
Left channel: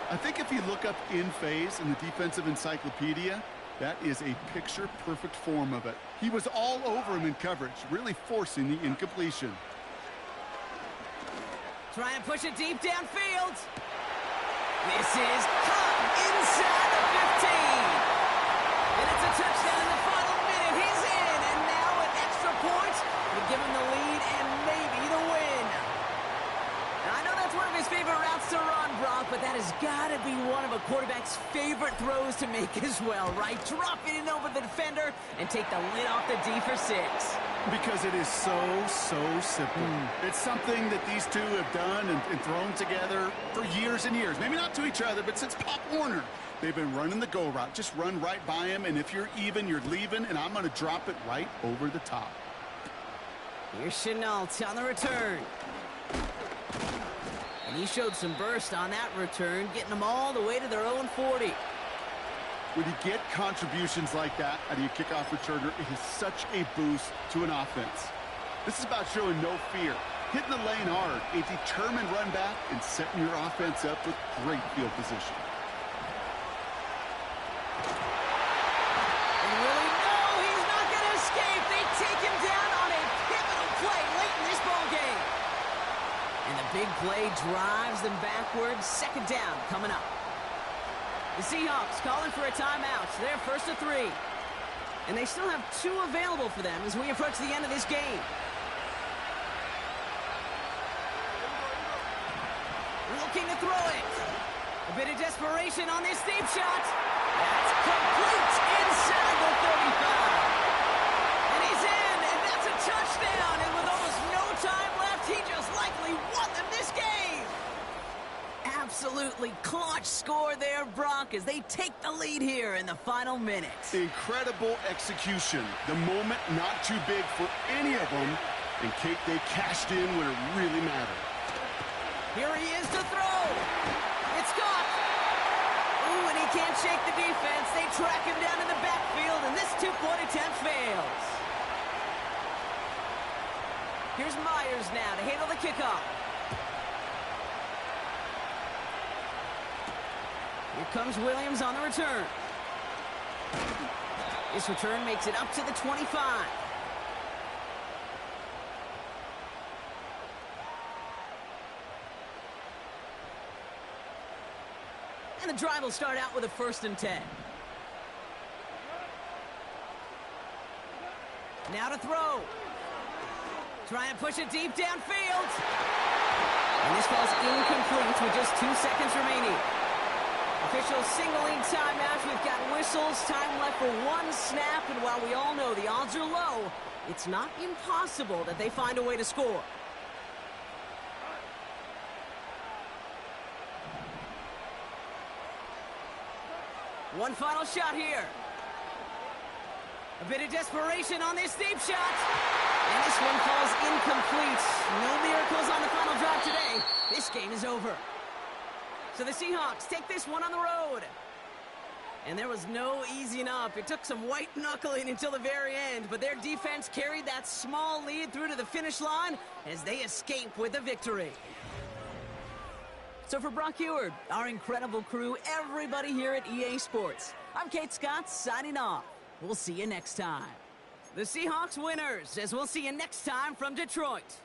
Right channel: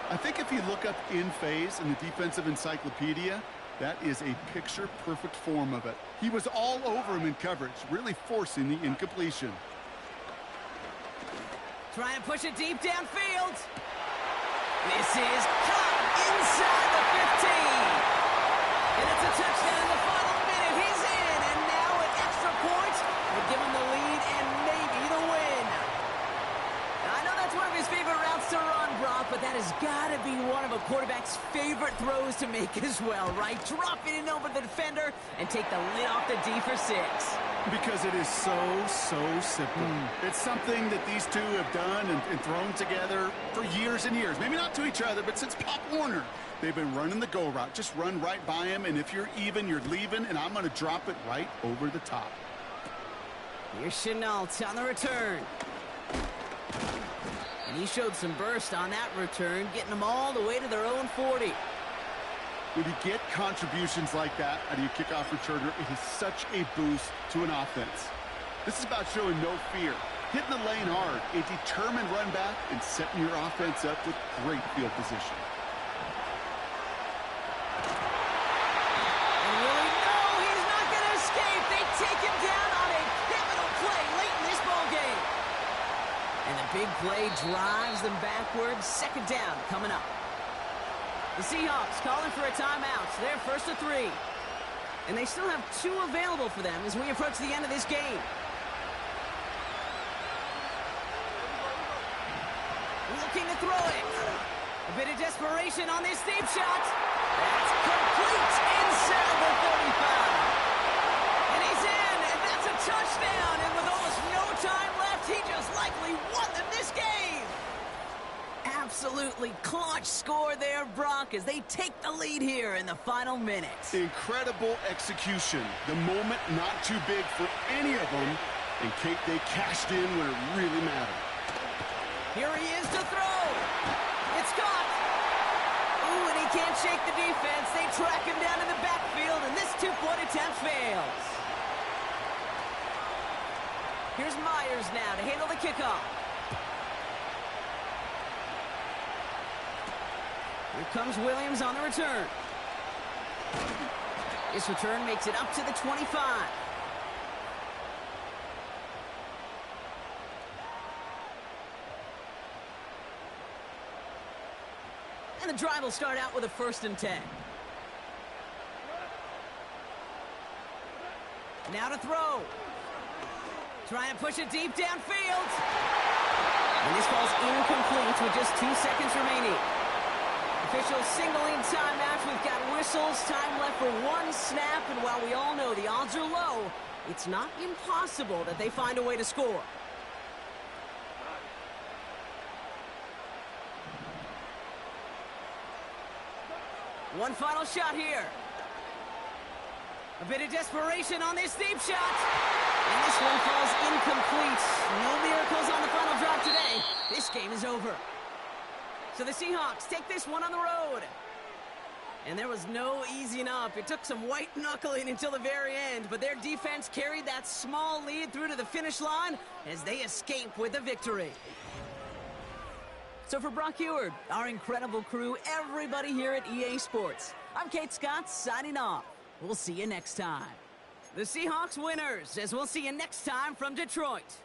I think if you look up in phase in the defensive encyclopedia, that is a picture-perfect form of it. He was all over him in coverage, really forcing the incompletion. Trying to push it deep downfield. This is caught inside the 15. And it's a touchdown in the final minute. He's in, and now an extra point would give him the lead and maybe the win. Now, I know that's one of his favorite routes to run, Brock, but that has got to be one of a quarterback's favorite throws to make as well, right? Drop it in over the defender and take the lid off the D for 6. Because it is so simple. It's something that these two have done and thrown together for years and years. Maybe not to each other, but since Pop Warner. They've been running the go route. Just run right by him, and if you're even, you're leaving, and I'm going to drop it right over the top. Here's Chenault on the return. And he showed some burst on that return, getting them all the way to their own 40. When you get contributions like that out of your kickoff returner, it is such a boost to an offense. This is about showing no fear, hitting the lane hard, a determined run back, and setting your offense up with great field position. And really, no, he's not going to escape. They take him down on a pit big play drives them backwards. Second down coming up. The Seahawks calling for a timeout. They're first to 3. And they still have 2 available for them as we approach the end of this game. Looking to throw it. A bit of desperation on this deep shot. That's complete inside the 35. And he's in, and that's a touchdown. And with almost no time left, he just likely won them this game. Absolutely clutch score there, Brock, as they take the lead here in the final minutes. Incredible execution. The moment not too big for any of them. And Kate, they cashed in when it really mattered. Here he is to throw. It's caught. Ooh, and he can't shake the defense. They track him down in the backfield, and this 2-point attempt fails. Here's Myers now to handle the kickoff. Here comes Williams on the return. This return makes it up to the 25. And the drive will start out with a 1st and 10. Now to throw. Trying to push it deep downfield. And this falls incomplete with just 2 seconds remaining. Officials signaling timeout. We've got whistles. Time left for 1 snap. And while we all know the odds are low, it's not impossible that they find a way to score. One final shot here. A bit of desperation on this deep shot. And this one falls incomplete. No miracles on the final drive today. This game is over. So the Seahawks take this one on the road. And there was no easing up. It took some white knuckling until the very end, but their defense carried that small lead through to the finish line as they escape with a victory. So for Brock Heward, our incredible crew, everybody here at EA Sports, I'm Kate Scott signing off. We'll see you next time. The Seahawks winners, as we'll see you next time from Detroit.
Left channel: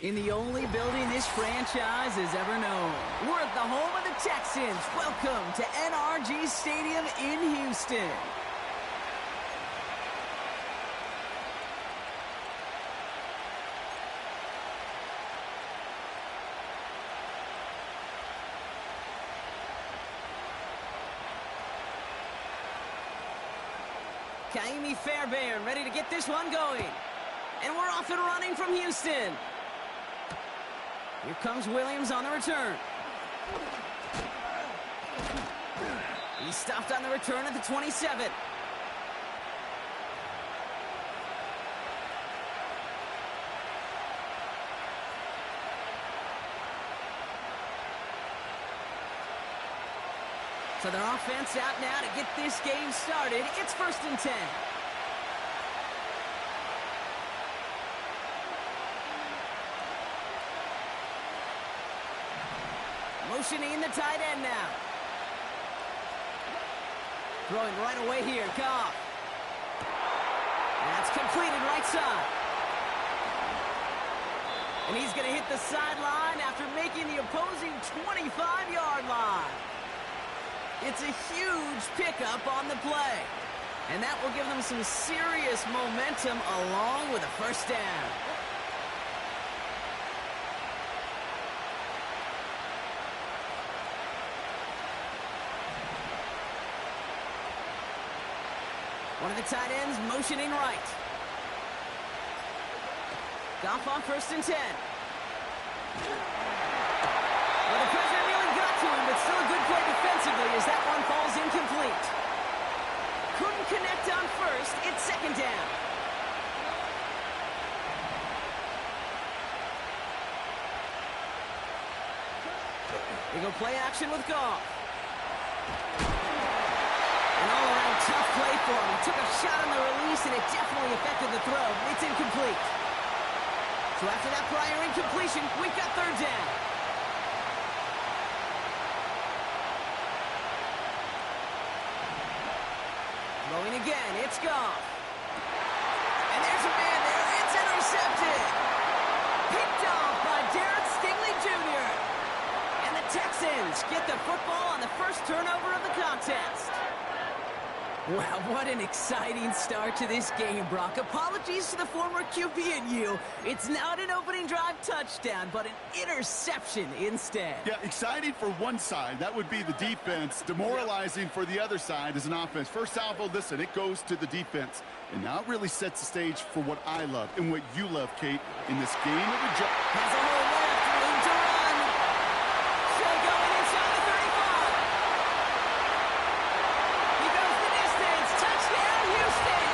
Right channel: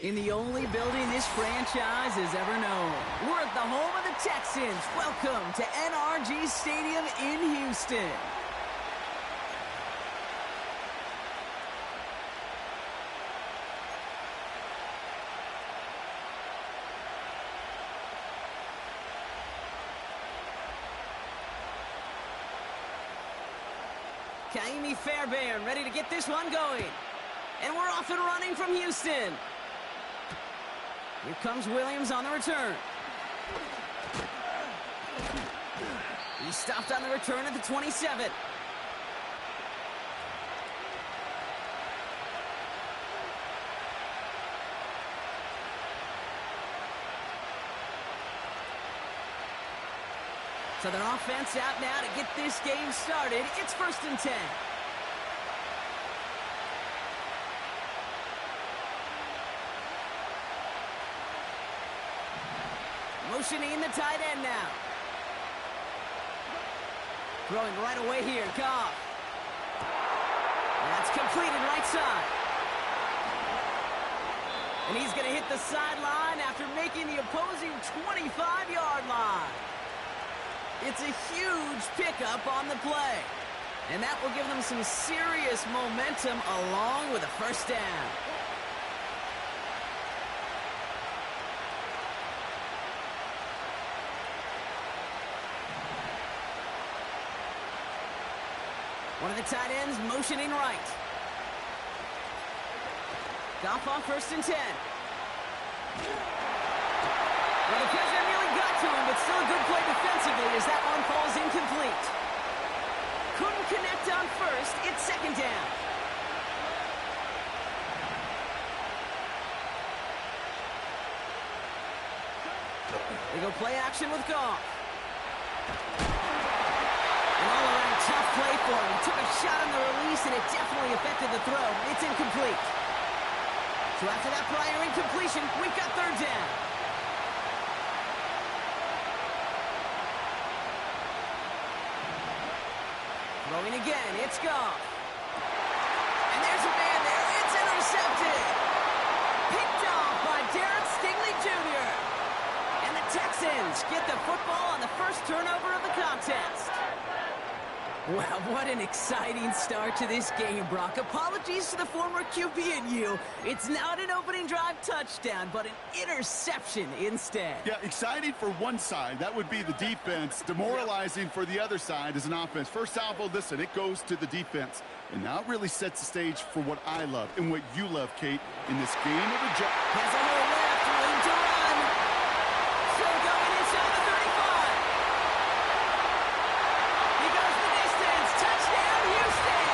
In the only building this franchise has ever known. We're at the home of the Texans. Welcome to NRG Stadium in Houston. Kaimi Fairbairn ready to get this one going. And we're off and running from Houston. Here comes Williams on the return. He stopped on the return at the 27. So their offense out now to get this game started. It's 1st and 10. Motioning the tight end now. Throwing right away here, Goff. That's completed right side. And he's going to hit the sideline after making the opposing 25-yard line. It's a huge pickup on the play. And that will give them some serious momentum along with a first down. One of the tight ends motioning right. Goff on 1st and 10. Well, the pressure nearly got to him, but still a good play defensively as that one falls incomplete. Couldn't connect on 1st. It's 2nd down. They go play action with Goff. An all-around tough play for him. He took a shot on the release, and it definitely affected the throw. It's incomplete. So after that prior incompletion, we've got 3rd down. Throwing again, it's Goff. And there's a man there. It's intercepted. Picked off by Derek Stingley Jr. And the Texans get the football on the first turnover of the contest. Wow, what an exciting start to this game, Brock. Apologies to the former QB and you. It's not an opening drive touchdown, but an interception instead. Yeah, exciting for one side. That would be the defense. Demoralizing for the other side as an offense. First salvo, listen, it goes to the defense. And now it really sets the stage for what I love and what you love, Kate, in this game of adjustment. Has a hole left, room to run. Still going inside the 35. He goes the distance. Touchdown, Houston.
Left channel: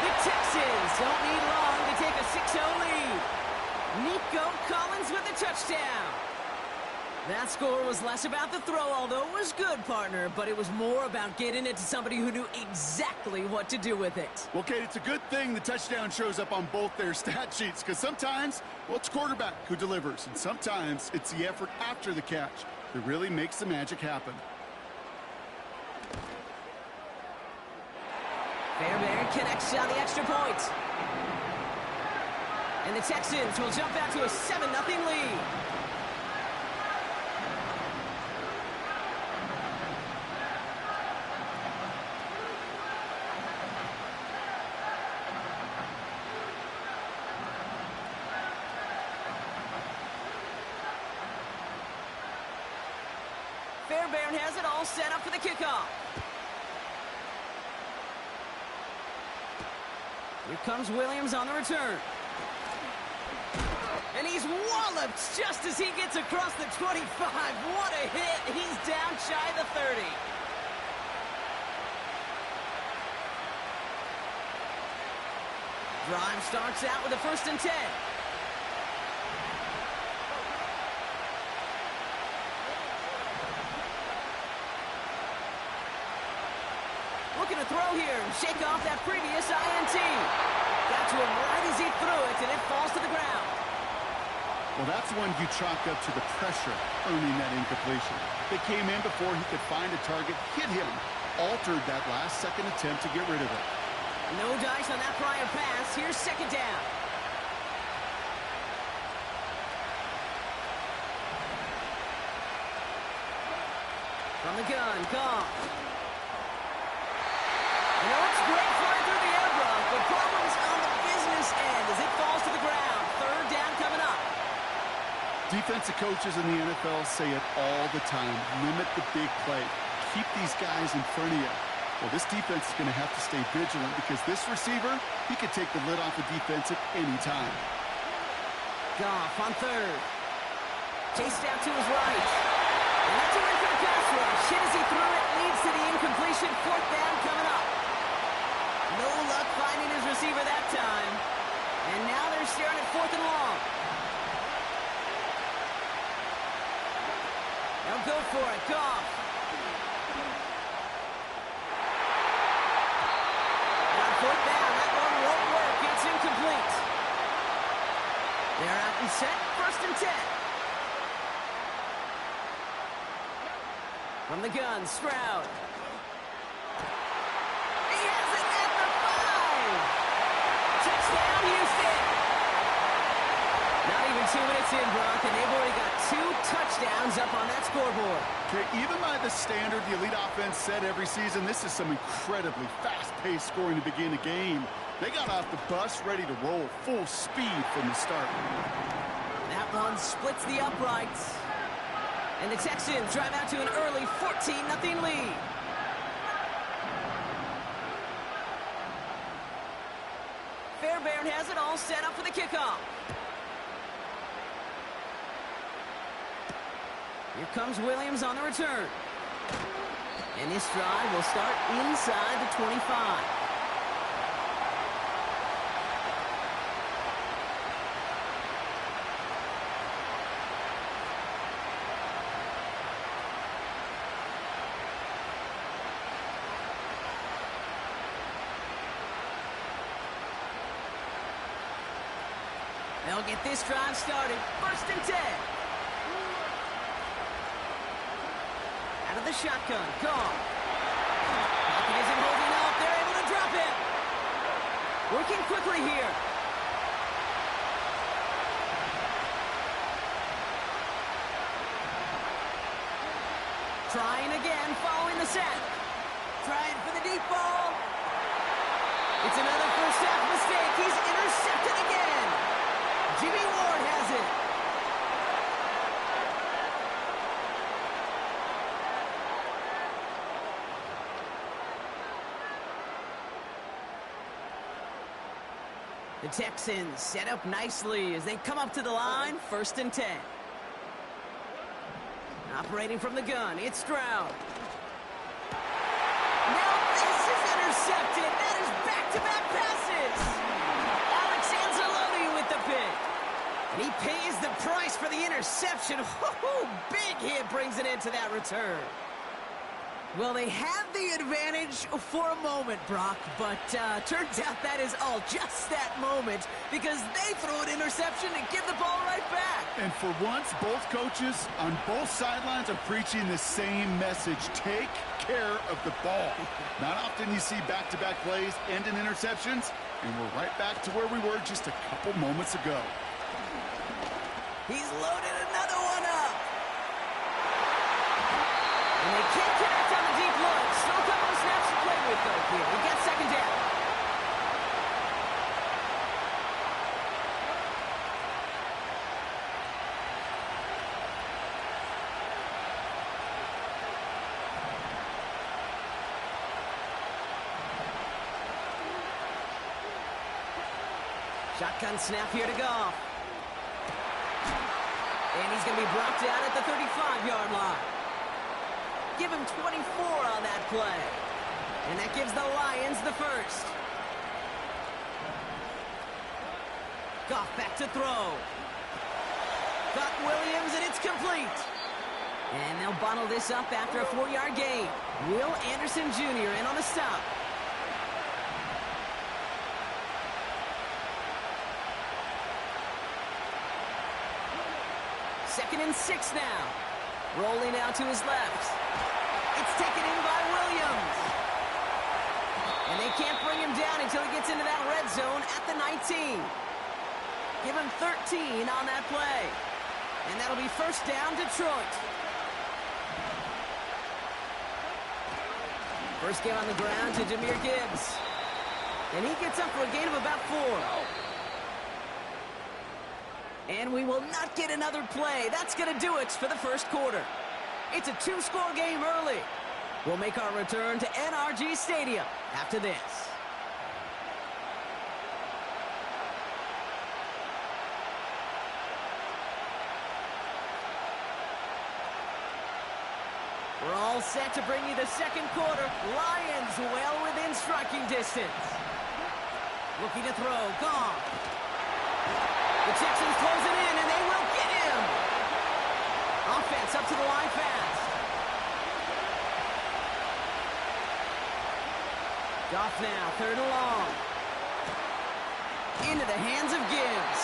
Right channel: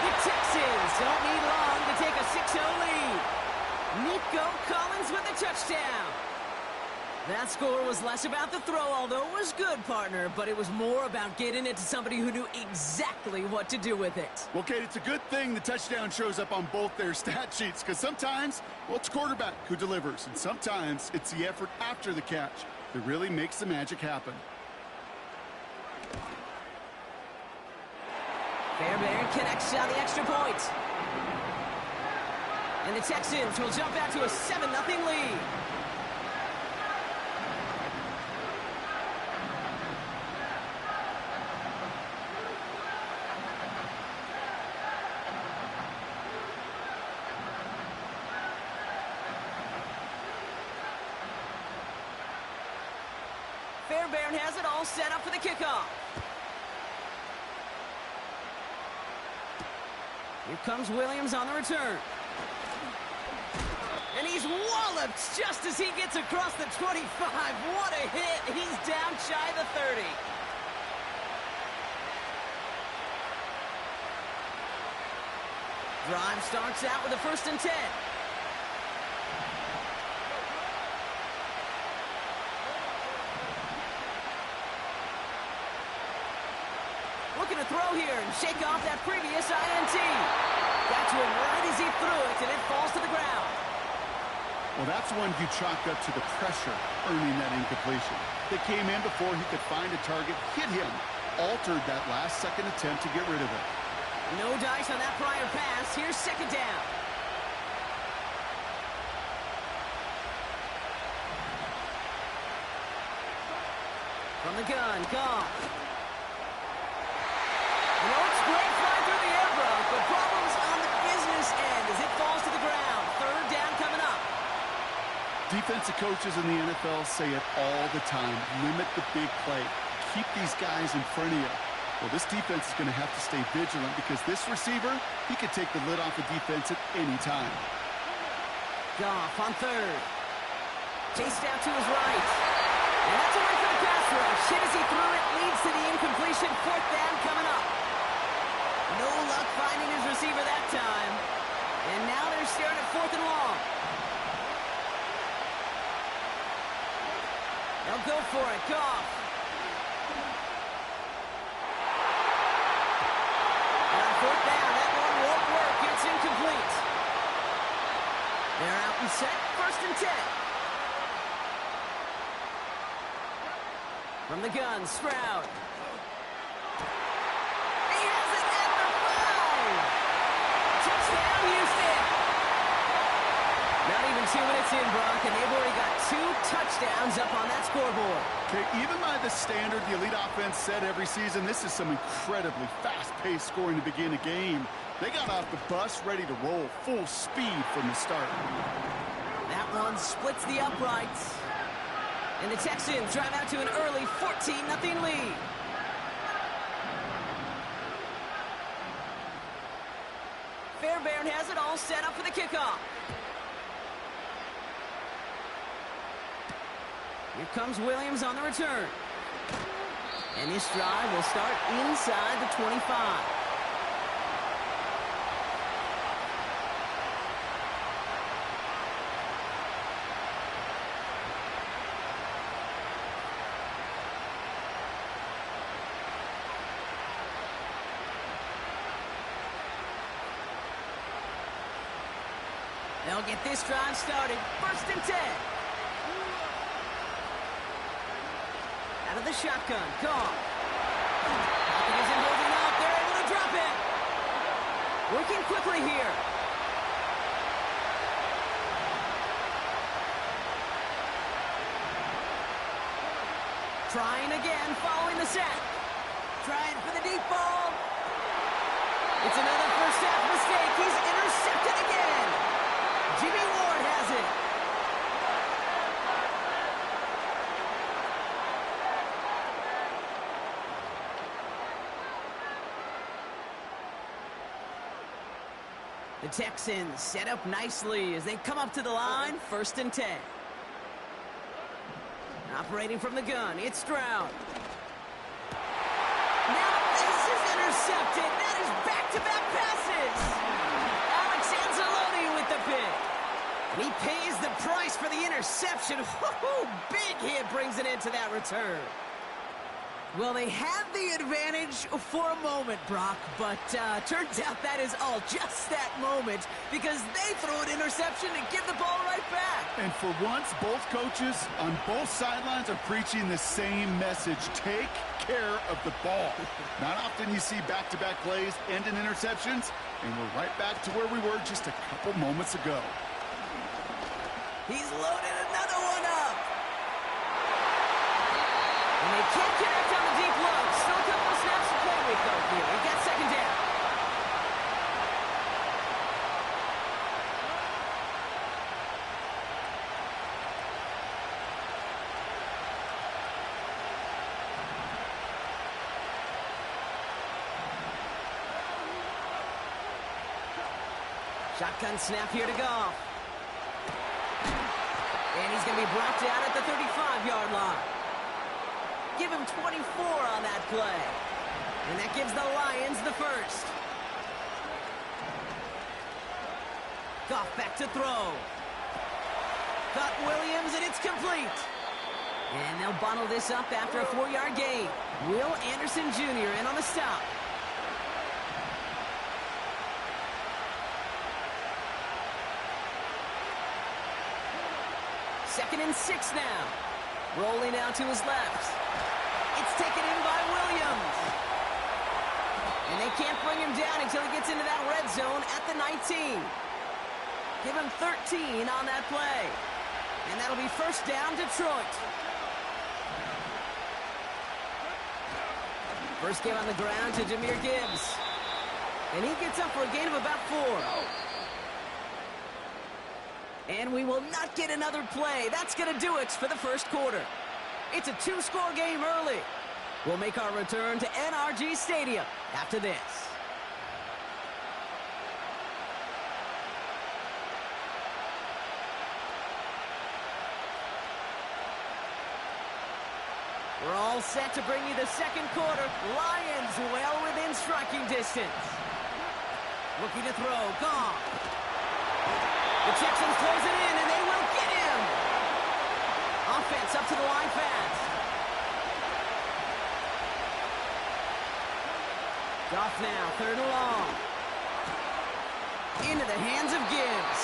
The Texans don't need long to take a 6-0 lead. Nico Collins with a touchdown. That score was less about the throw, although it was good, partner, but it was more about getting it to somebody who knew exactly what to do with it. Well, Kate, it's a good thing the touchdown shows up on both their stat sheets, because sometimes, well, it's quarterback who delivers, and sometimes it's the effort after the catch that really makes the magic happen. Fairbairn connects on the extra point. And the Texans will jump out to a 7-0 lead. Fairbairn has it all set up for the kickoff. Here comes Williams on the return. And he's walloped just as he gets across the 25. What a hit. He's down shy of the 30. Drive starts out with a 1st and 10. Looking to throw here and shake off that previous INT. Got to him right as he threw it, and it falls to the ground. Well, that's one you chalk up to the pressure earning that incompletion. They came in before he could find a target, hit him, altered that last-second attempt to get rid of it. No dice on that prior pass. Here's 2nd down. From the gun, Goff. You know, it's great flying through the air, Brock, but problems on the business end as it falls to the ground. Third down coming up. Defensive coaches in the NFL say it all the time. Limit the big play. Keep these guys in front of you. Well, this defense is going to have to stay vigilant because this receiver, he could take the lid off a defense at any time. Goff on third. Chased out to his right. And that's a win for the pass rush. Hit as he threw it, leads to the incompletion. Fourth down coming up. No luck finding his receiver that time. And now they're staring at 4th and long. They'll go for it. Goff. And on 4th down, that one won't work. It's incomplete. They're out and set. 1st and 10. From the gun, Stroud. He has it at the 5. Touchdown, Houston. Not even 2 minutes in, Brock, and they've already got 2 touchdowns up on that scoreboard. Okay, even by the standard the elite offense set every season, this is some incredibly fast-paced scoring to begin a game. They got off the bus ready to roll full speed from the start. That one splits the uprights. And the Texans drive out to an early 14-0 lead. Fairbairn has it all set up for the kickoff. Here comes Williams on the return. And this drive will start inside the 25. They'll get this drive started. 1st and 10. Out of the shotgun. Goff. Pocket isn't holding up. They're able to drop it. Working quickly here. Trying again, following the set. Trying for the deep ball. It's another first half mistake. He's intercepted again. Jimmy Ward has it. The Texans set up nicely as they come up to the line. 1st and 10. Operating from the gun, it's Stroud. Now this is intercepted. That is back-to-back passes. Alex Anzalone with the pick. And he pays the price for the interception. Woo-hoo, big hit brings it into that return. Well, they had the advantage for a moment, Brock, but turns out that is all just that moment because they throw an interception and give the ball right back. And for once, both coaches on both sidelines are preaching the same message. Take care of the ball. Not often you see back-to-back plays end in interceptions, and we're right back to where we were just a couple moments ago. He's loaded another one up. And they can't connect on the deep low. Still a couple of snaps to play with, though, here. We got 2nd down. Shotgun snap here to Goff. And he's going to be brought down at the 35-yard line. Give him 24 on that play. And that gives the Lions the first. Goff back to throw. Got Williams, and it's complete. And they'll bottle this up after a 4-yard gain. Will Anderson Jr. in on the stop. Second and 6 now. Rolling out to his left. It's taken in by Williams. And they can't bring him down until he gets into that red zone at the 19. Give him 13 on that play. And that'll be 1st down, Detroit. First give on the ground to Jahmyr Gibbs. And he gets up for a gain of about 4. And we will not get another play. That's going to do it for the first quarter. It's a 2-score game early. We'll make our return to NRG Stadium after this. We're all set to bring you the second quarter. Lions well within striking distance. Looking to throw. Goff. The Texans close it in, and they will get him. Offense up to the line fast. Goff now, 3rd and long. Into the hands of Gibbs.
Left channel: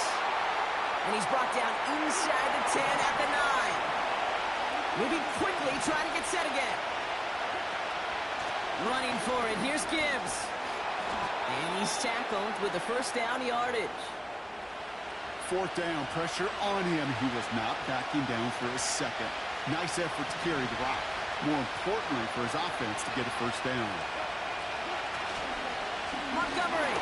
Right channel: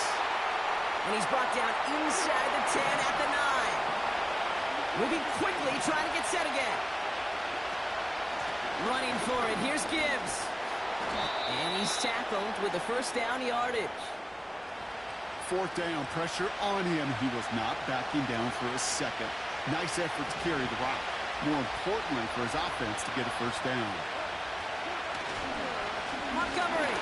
And he's brought down inside the 10 at the 9. Moving quickly, trying to get set again. Running for it, here's Gibbs. And he's tackled with the first down yardage. 4th down, pressure on him. He was not backing down for a second. Nice effort to carry the rock. More importantly, for his offense to get a first down. Montgomery.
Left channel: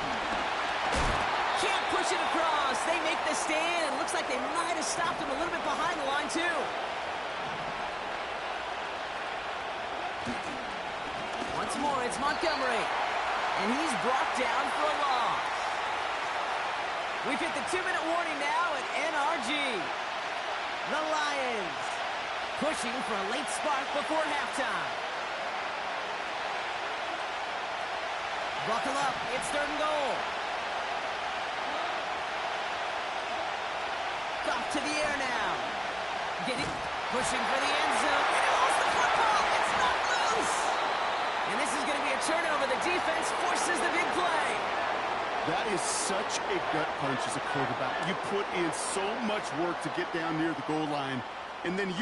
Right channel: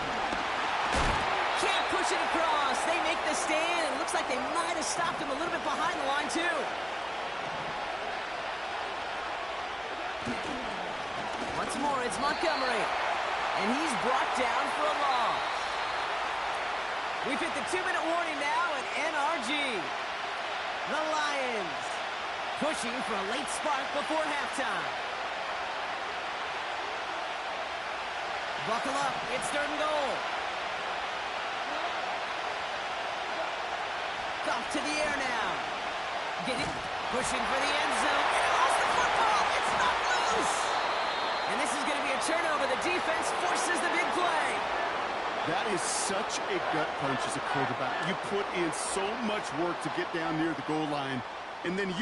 Can't push it across. They make the stand, and looks like they might have stopped him a little bit behind the line, too. Once more, it's Montgomery. And he's brought down for a loss. We've hit the 2-minute warning now at NRG. The Lions pushing for a late spark before halftime. Buckle up, it's 3rd and goal. Off to the air now. Get it, pushing for the end zone. And he lost the football, it's not loose. And this is going to be a turnover. The defense forces the big play. That is such a gut punch as a quarterback. You put in so much work to get down near the goal line. And then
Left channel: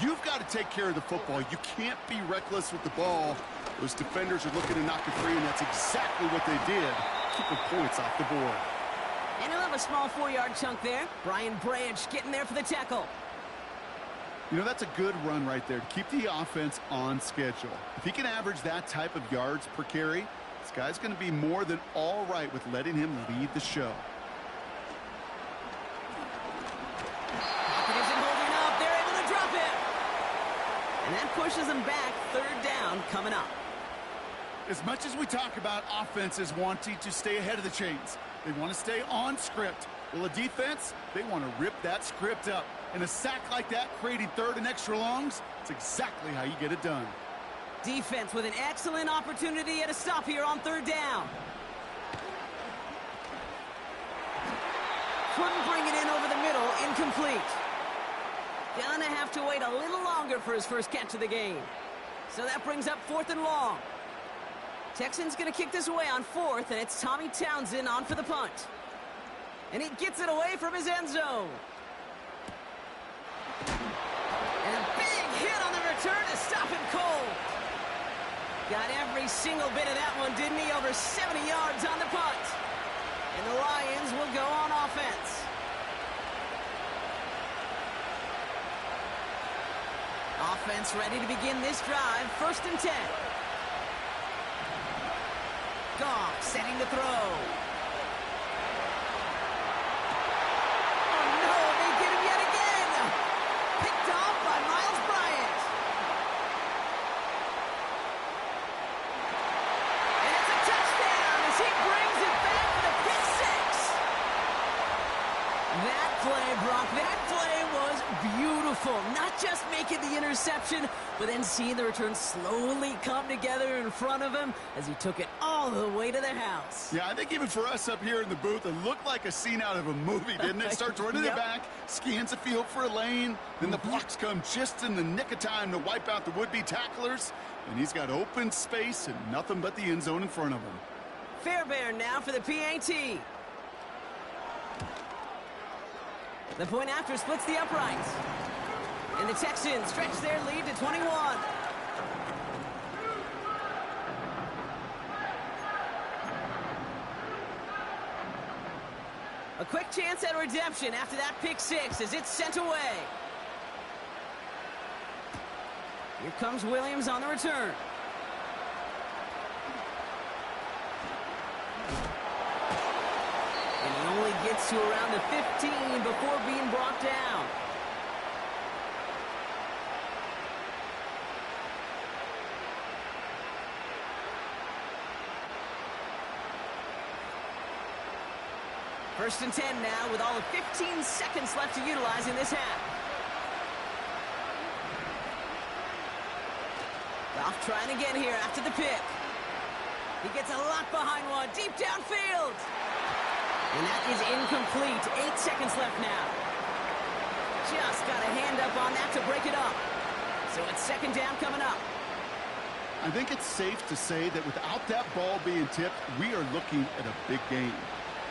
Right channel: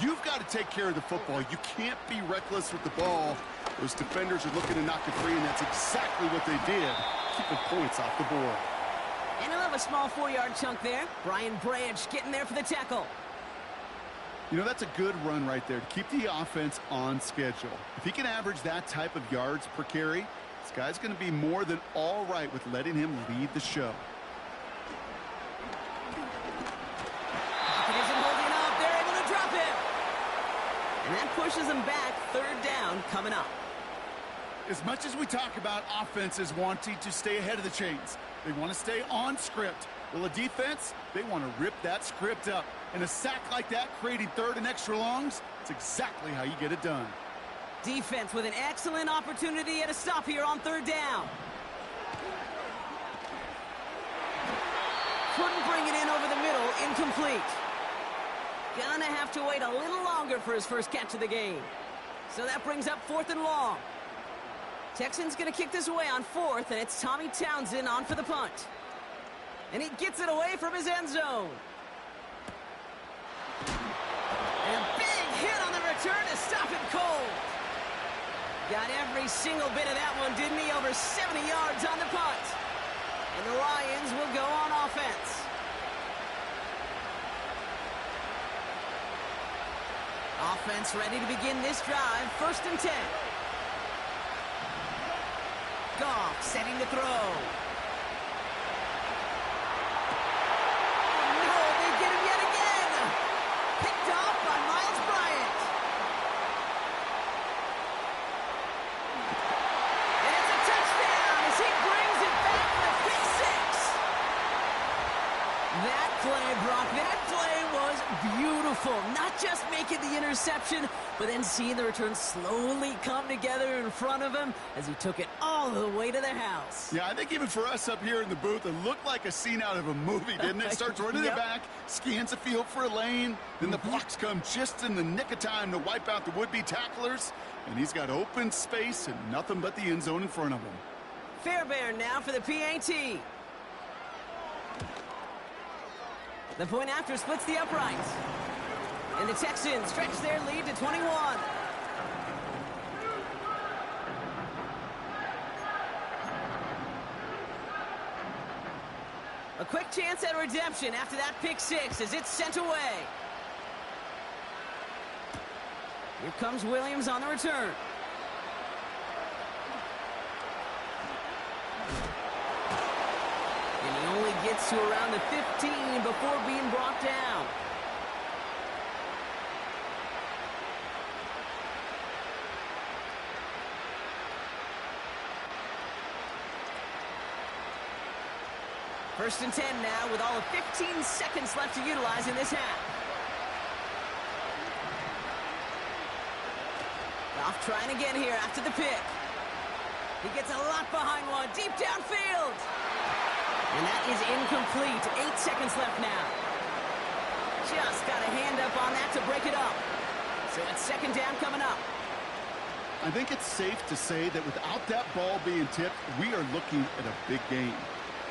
you've got to take care of the football. You can't be reckless with the ball. Those defenders are looking to knock it free, and that's exactly what they did, keeping points off the board. And he'll have a small 4-yard chunk there. Brian Branch getting there for the tackle. You know, that's a good run right there to keep the offense on schedule. If he can average that type of yards per carry, this guy's going to be more than all right with letting him lead the show. Pocket isn't holding up. They're able to drop him. And that pushes them back. 3rd down coming up. As much as we talk about offenses wanting to stay ahead of the chains, they want to stay on script. Well, a defense, they want to rip that script up. And a sack like that, creating 3rd and extra longs, it's exactly how you get it done. Defense with an excellent opportunity at a stop here on 3rd down. Couldn't bring it in over the middle, incomplete. Gonna have to wait a little longer for his first catch of the game. So that brings up 4th and long. Texans gonna kick this away on 4th, and it's Tommy Townsend on for the punt. And he gets it away from his end zone. And a big hit on the return to stop him cold. Got every single bit of that one, didn't he? Over 70 yards on the punt. And the Lions will go on offense. Offense ready to begin this drive. 1st and 10. Goff setting to throw. Picked off by Miles Bryant. And it's a touchdown as he brings it back for the pick 6. That play, Brock, that play was beautiful. Not just making the interception, but then seeing the return slowly come together in front of him as he took it all the way to the house. Yeah, I think even for us up here in the booth, it looked like a scene out of a movie, didn't it? Starts running it back, scans the field for a lane, then the blocks come just in the nick of time to wipe out the would-be tacklers, and he's got open space and nothing but the end zone in front of him. Fairbairn now for the PAT. The point after splits the uprights. And the Texans stretch their lead to 21. A quick chance at redemption after that pick 6 as it's sent away. Here comes Williams on the return. gets to around the 15 before being brought down. First and 10 now with all of 15 seconds left to utilize in this half. Goff trying again here after the pick. He gets a lot behind one, deep downfield. And that is incomplete. 8 seconds left now. Just got a hand up on that to break it up. So it's second down coming up. I think it's safe to say that without that ball being tipped, we are looking at a big game.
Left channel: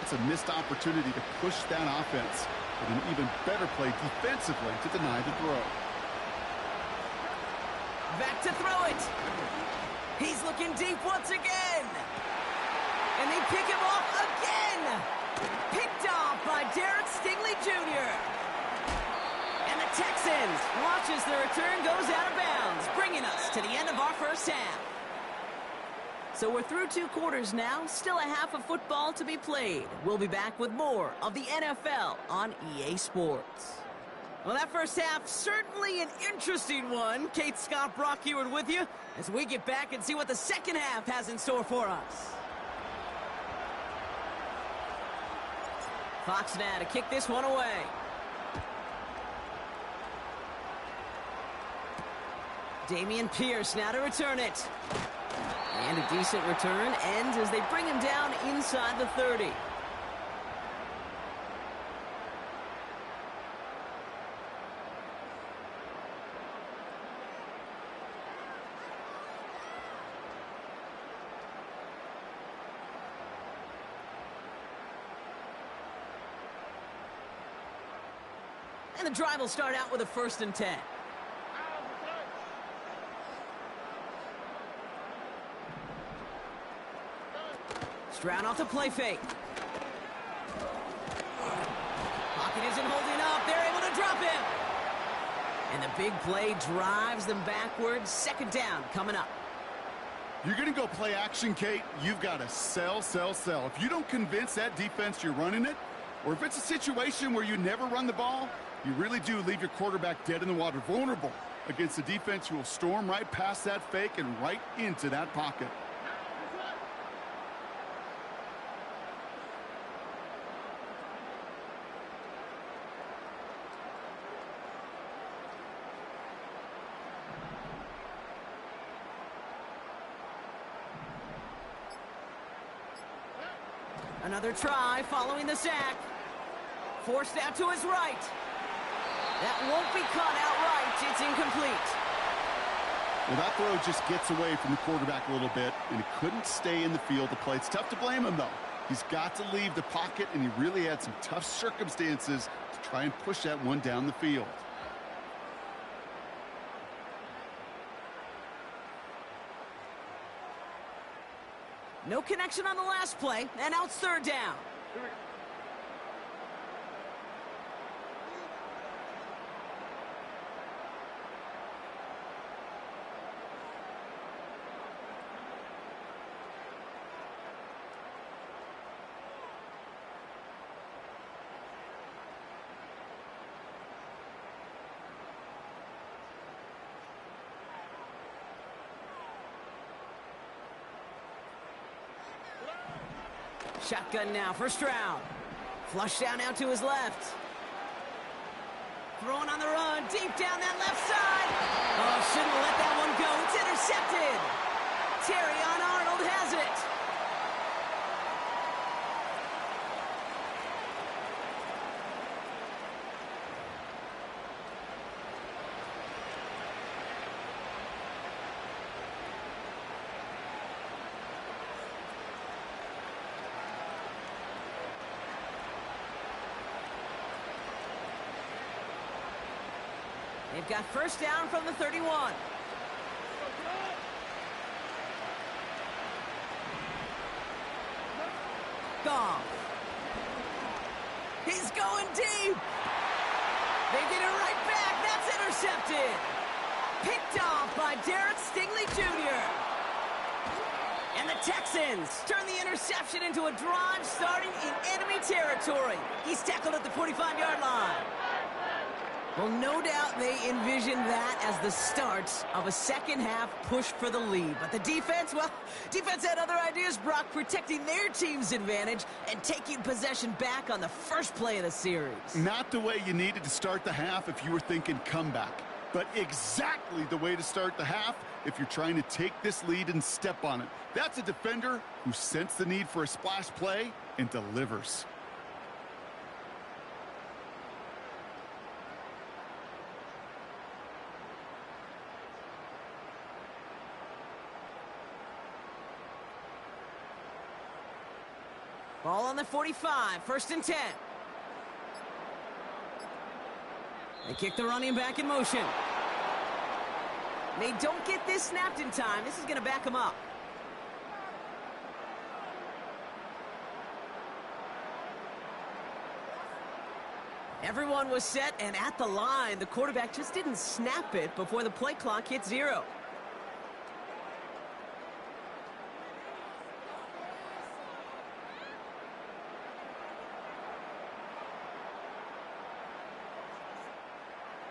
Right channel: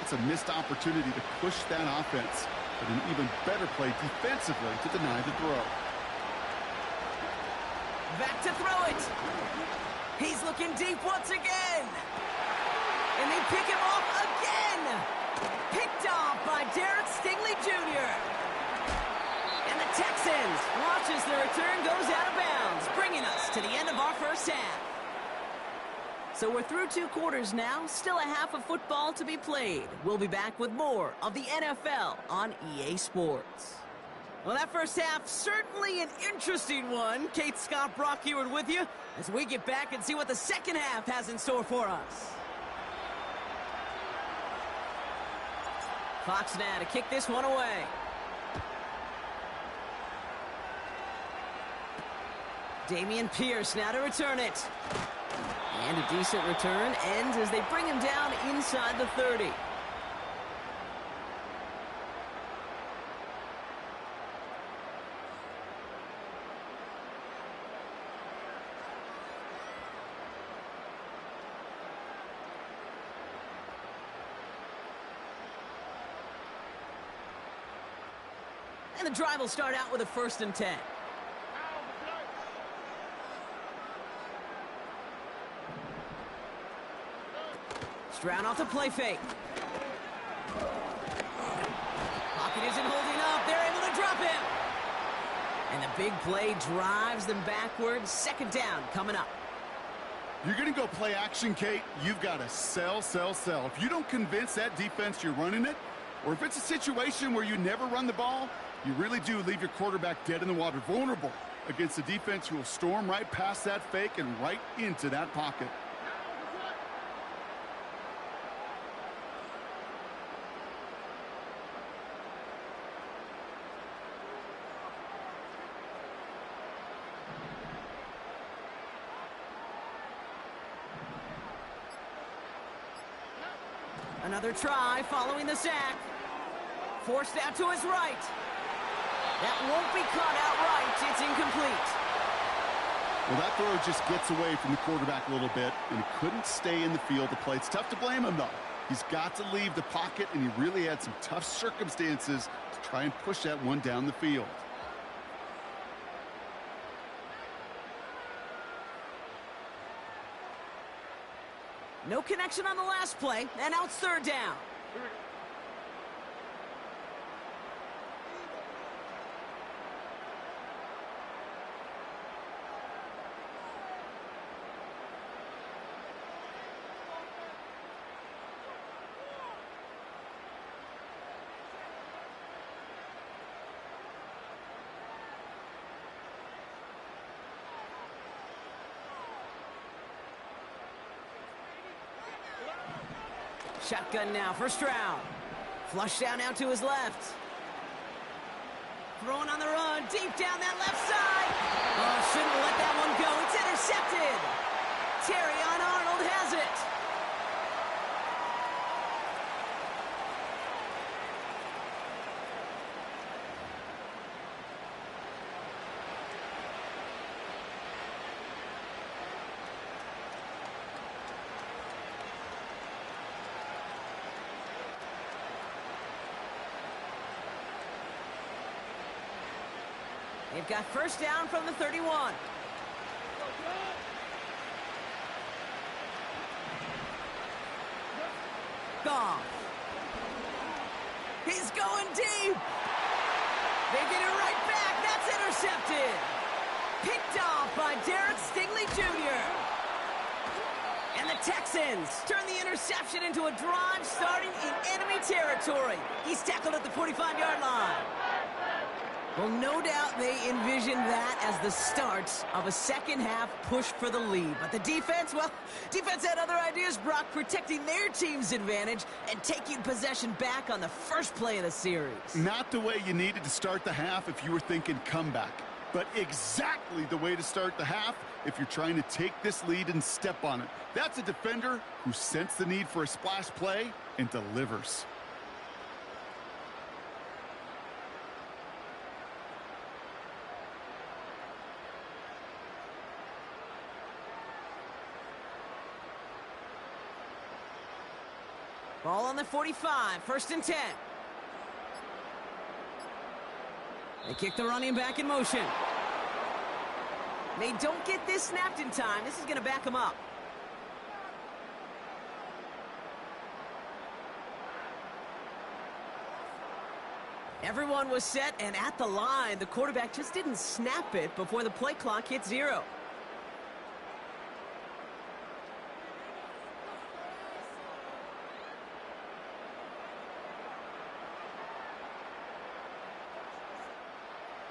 It's a missed opportunity to push that offense, but an even better play defensively to deny the throw. Back to throw it. He's looking deep once again. And they pick him off again. Picked off by Derek Stingley Jr. And the Texans watch as the return goes out of bounds, bringing us to the end of our first half. So we're through 2 quarters now, still a half of football to be played. We'll be back with more of the NFL on EA Sports. Well, that first half, certainly an interesting one. Kate, Scott, Brock Heward with you as we get back and see what the second half has in store for us. Fox now to kick this one away. Dameon Pierce now to return it. And a decent return ends as they bring him down inside the 30. And the drive will start out with a 1st and 10. Stroud off the play fake. Pocket isn't holding up. They're able to drop him. And the big play drives them backwards. Second down coming up. You're going to go play action, Kate. You've got to sell, sell, sell. If you don't convince that defense you're running it, or if it's a situation where you never run the ball, you really do leave your quarterback dead in the water, vulnerable against a defense who will storm right past that fake and right into that pocket. Another try following the sack. Forced out to his right. That won't be caught outright. It's incomplete. Well, that throw just gets away from the quarterback a little bit, and he couldn't stay in the field to play. It's tough to blame him, though. He's got to leave the pocket, and he really had some tough circumstances to try and push that one down the field. No connection on the last play, and now it's third down. Shotgun now for Stroud. Flush down out to his left. Throwing on the run, deep down that left side. Oh, shouldn't let that one go. It's intercepted. Terrion Arnold has it. They've got first down from the 31. Goff. He's going deep. They get it right back. That's intercepted. Picked off by Derek Stingley Jr. And the The Texans turn the interception into a drive starting in enemy territory. He's tackled at the 45-yard line. Well, no doubt they envisioned that as the start of a second-half push for the lead. But the defense, well, defense had other ideas, Brock, protecting their team's advantage and taking possession back on the first play of the series. Not the way you needed to start the half if you were thinking comeback, but exactly the way to start the half if you're trying to take this lead and step on it. That's a defender who sensed the need for a splash play and delivers. Ball on the 45, 1st and 10. They kick the running back in motion. They don't get this snapped in time. This is going to back them up. Everyone was set and at the line. The quarterback just didn't snap it before the play clock hit 0.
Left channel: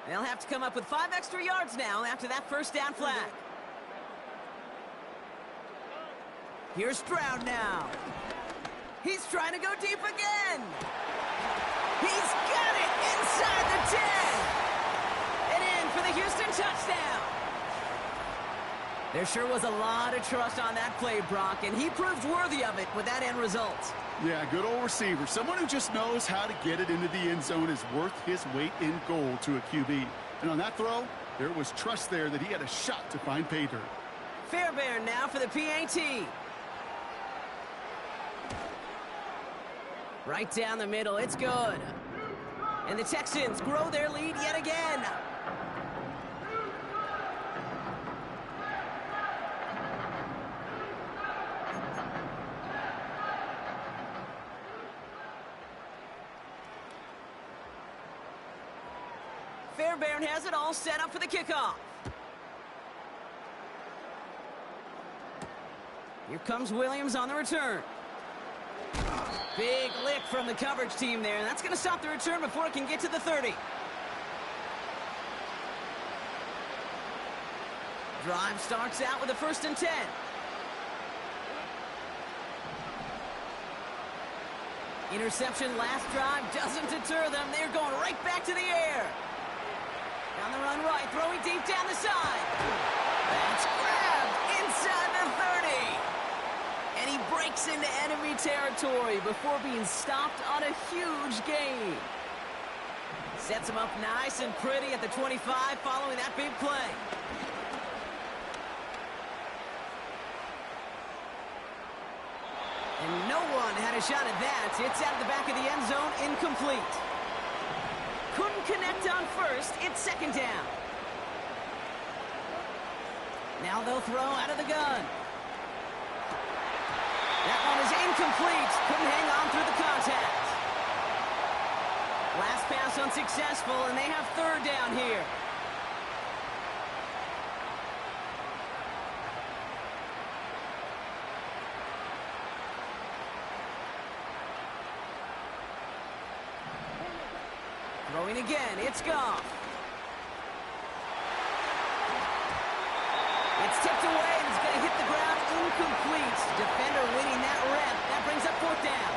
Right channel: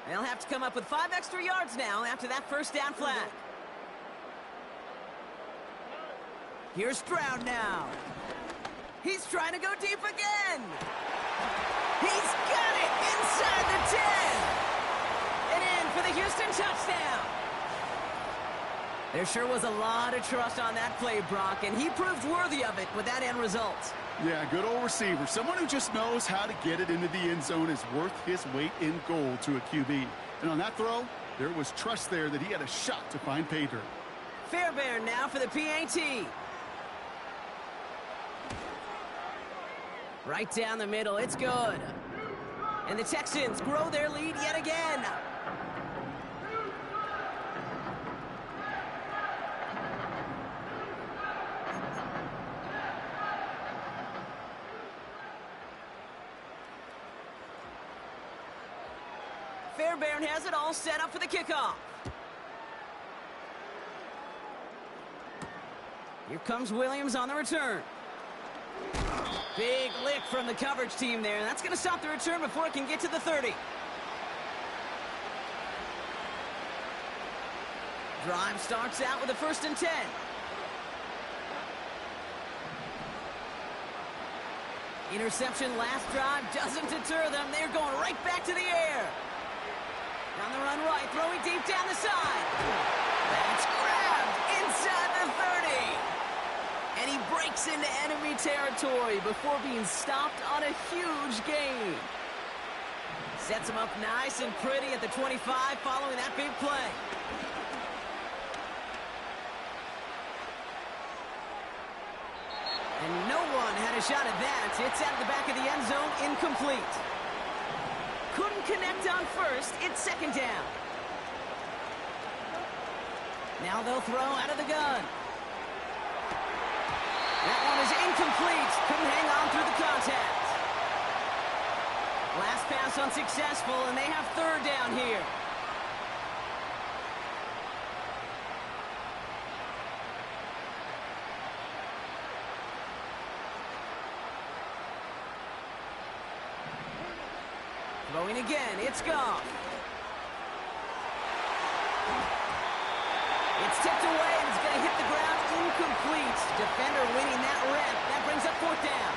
They'll have to come up with 5 extra yards now after that first down flag. Here's Stroud now. He's trying to go deep again. He's got it inside the 10. And in for the Houston touchdown. There sure was a lot of trust on that play, Brock, and he proved worthy of it with that end result. Yeah, good old receiver. Someone who just knows how to get it into the end zone is worth his weight in gold to a QB. And on that throw, there was trust there that he had a shot to find pay dirt. Fairbairn now for the PAT. Right down the middle, it's good. And the Texans grow their lead yet again. Fairbairn has it all set up for the kickoff. Here comes Williams on the return. Big lick from the coverage team there. That's going to stop the return before it can get to the 30. Drive starts out with a 1st and 10. Interception last drive doesn't deter them. They're going right back to the air. Down the run right, throwing deep down the side. That's grabbed inside the 30. And he breaks into enemy territory before being stopped on a huge gain. Sets him up nice and pretty at the 25 following that big play. And no one had a shot at that. It's out of the back of the end zone, incomplete. Couldn't connect on first. It's 2nd down. Now they'll throw out of the gun. That one is incomplete. Couldn't hang on through the contact. Last pass unsuccessful, and they have 3rd down here. Throwing again, it's Goff. It's tipped away, and it's going to hit the ground incomplete. Defender winning that rep. That brings up 4th down.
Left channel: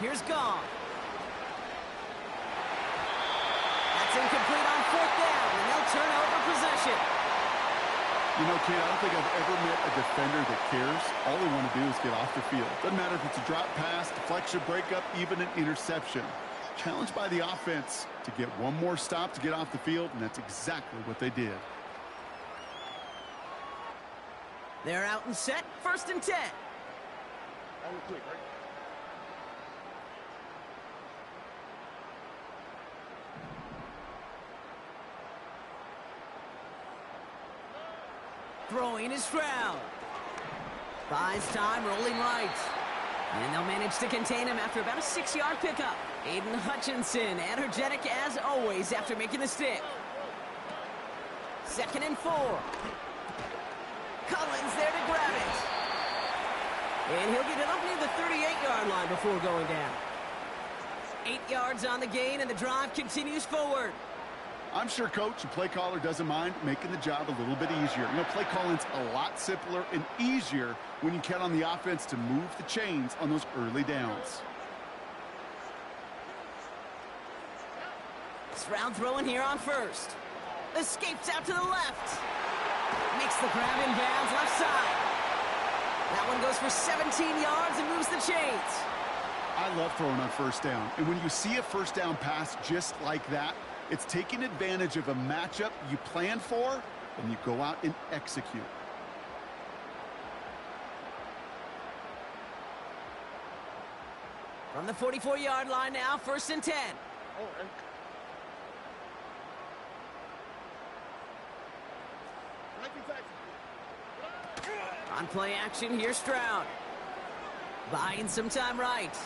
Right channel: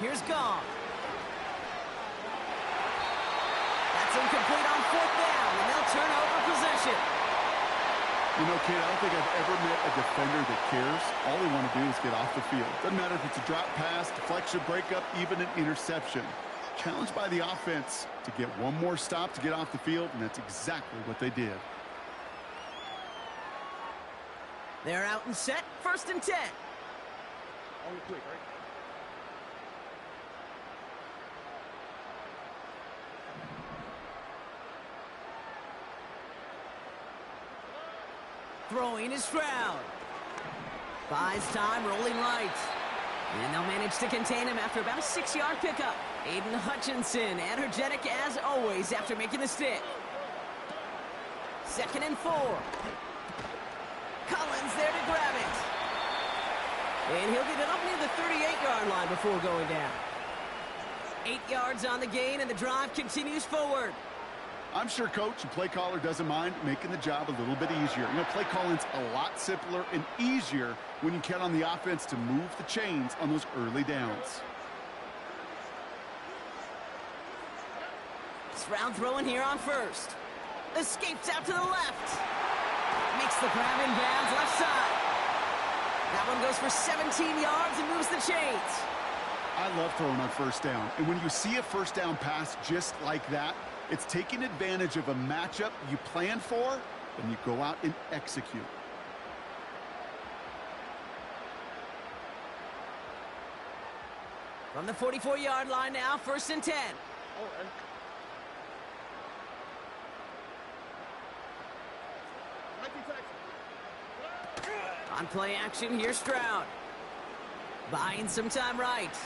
Here's Goff. That's incomplete on 4th down, and they'll turn over possession. You know, kid, I don't think I've ever met a defender that cares. All they want to do is get off the field. Doesn't matter if it's a drop pass, deflection, breakup, even an interception. Challenged by the offense to get one more stop to get off the field, and that's exactly what they did. They're out and set, 1st and 10. Only quick, right? Throwing is Stroud. Buys time, rolling right. And they'll manage to contain him after about a 6-yard pickup. Aiden Hutchinson, energetic as always after making the stick. 2nd and 4. Collins there to grab it. And he'll get it up near the 38-yard line before going down. 8 yards on the gain, and the drive continues forward. I'm sure coach and play caller doesn't mind making the job a little bit easier. You know, play calling's a lot simpler and easier when you count on the offense to move the chains on those early downs. Stroud throwing here on first. Escapes out to the left. Makes the grab in bounds left side. That one goes for 17 yards and moves the chains. I love throwing on first down. And when you see a first down pass just like that, it's taking advantage of a matchup you plan for, and you go out and execute. From the 44-yard line now, 1st and 10. On play action, here's Stroud. Buying some time right.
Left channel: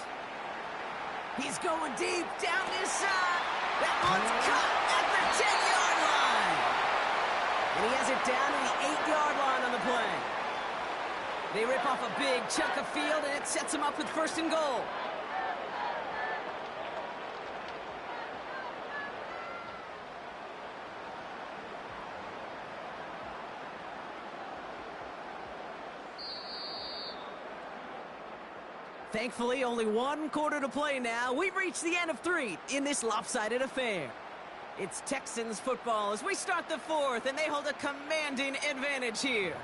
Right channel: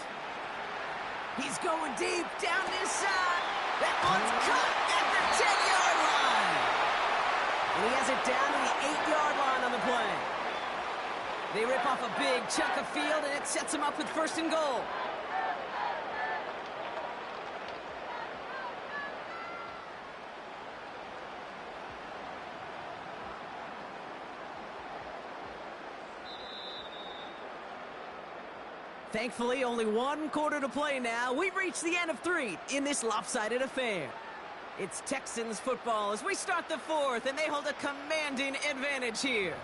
He's going deep, down this side. That one's cut at the 10-yard line. And he has it down to the 8-yard line on the play. They rip off a big chunk of field, and it sets him up with 1st and goal. Thankfully, only 1 quarter to play now. We've reached the end of 3 in this lopsided affair. It's Texans football as we start the 4th, and they hold a commanding advantage here.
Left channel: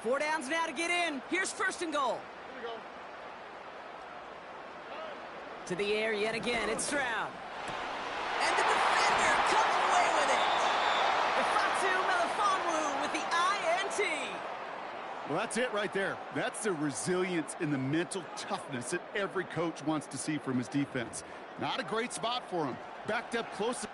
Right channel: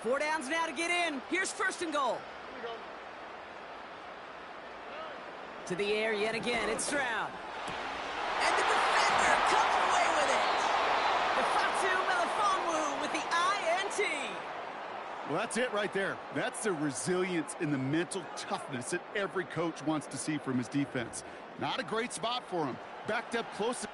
Four downs now to get in. Here's 1st and goal. Here we go. To the air yet again. It's Stroud. And the defender comes away with it. Ifatu Melifonwu with the INT. Well, that's it right there. That's the resilience and the mental toughness that every coach wants to see from his defense. Not a great spot for him. Backed up close.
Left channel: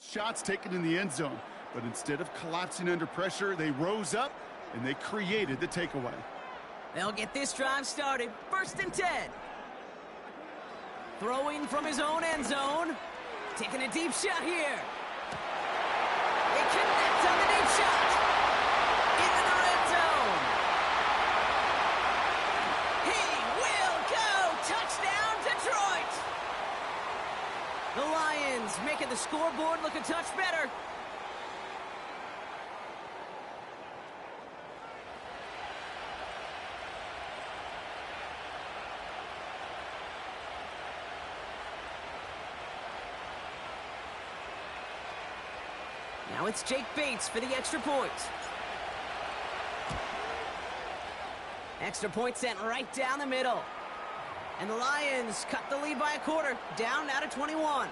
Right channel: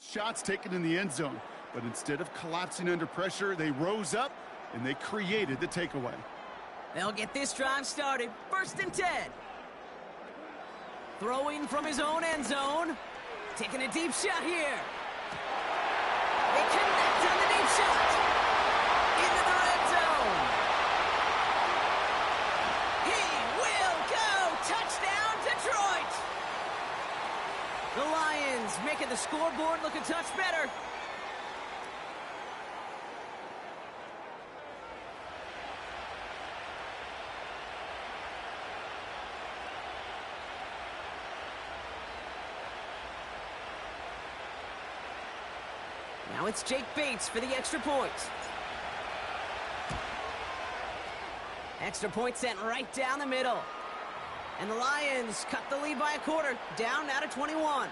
Shots taken in the end zone, but instead of collapsing under pressure, they rose up and they created the takeaway. They'll get this drive started. 1st and 10. Throwing from his own end zone. Taking a deep shot here. They connect on the deep shot. Into the red zone. He will go. Touchdown, Detroit. The Lions making the scoreboard look a touch better. Now it's Jake Bates for the extra point. Extra point sent right down the middle. And the Lions cut the lead by a quarter, down now to 21.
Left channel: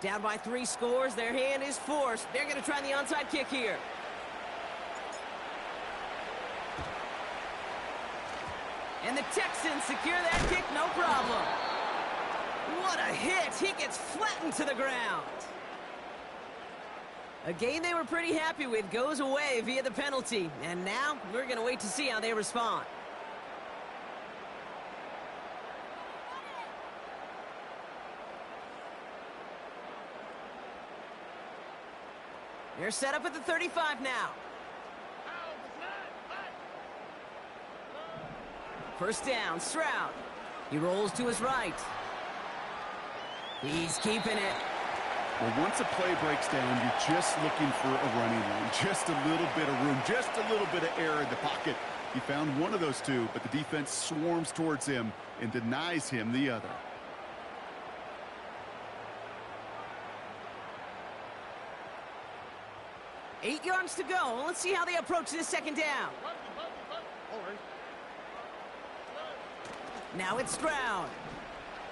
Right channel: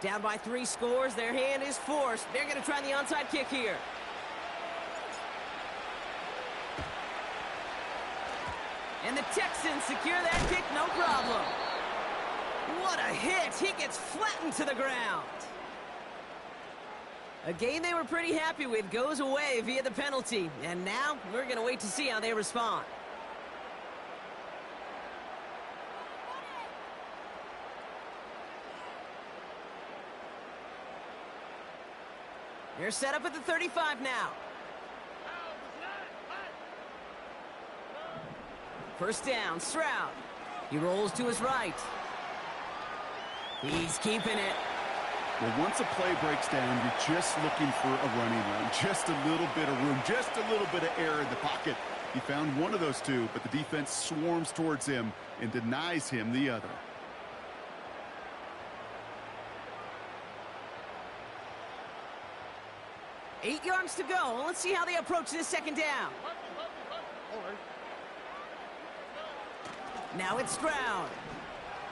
Down by 3 scores, their hand is forced. They're going to try the onside kick here. And the Texans secure that kick, no problem. What a hit! He gets flattened to the ground. A game they were pretty happy with goes away via the penalty. And now, we're going to wait to see how they respond. They're set up at the 35 now. First down, Stroud. He rolls to his right. He's keeping it. Well, once a play breaks down, you're just looking for a running lane. Just a little bit of room, just a little bit of air in the pocket. He found one of those two, but the defense swarms towards him and denies him the other. Eight yards to go. Let's see how they approach this second down. Now it's Stroud.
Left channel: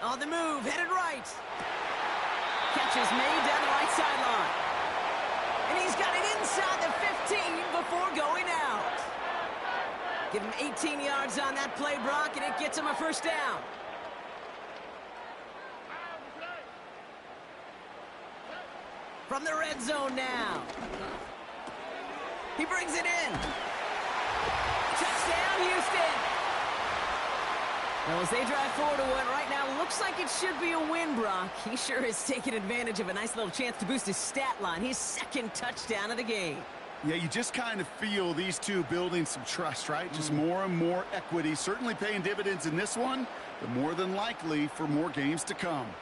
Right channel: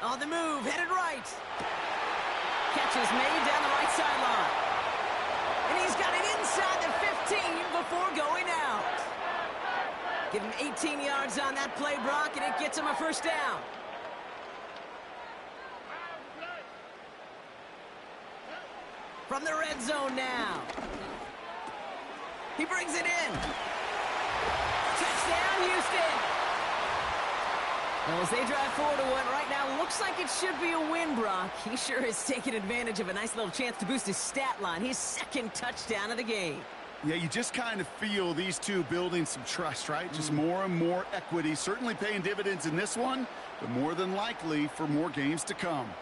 On the move, headed right. Catch is made down the right sideline. And he's got it inside the 15 before going out. Give him 18 yards on that play, Brock, and it gets him a first down. From the red zone now. He brings it in. Touchdown, Houston. Well, as they drive forward to what right now looks like it should be a win, Brock. He sure has taken advantage of a nice little chance to boost his stat line. His second touchdown of the game. Yeah, you just kind of feel these two building some trust, right? Just more and more equity. Certainly paying dividends in this one, but more than likely for more games to come.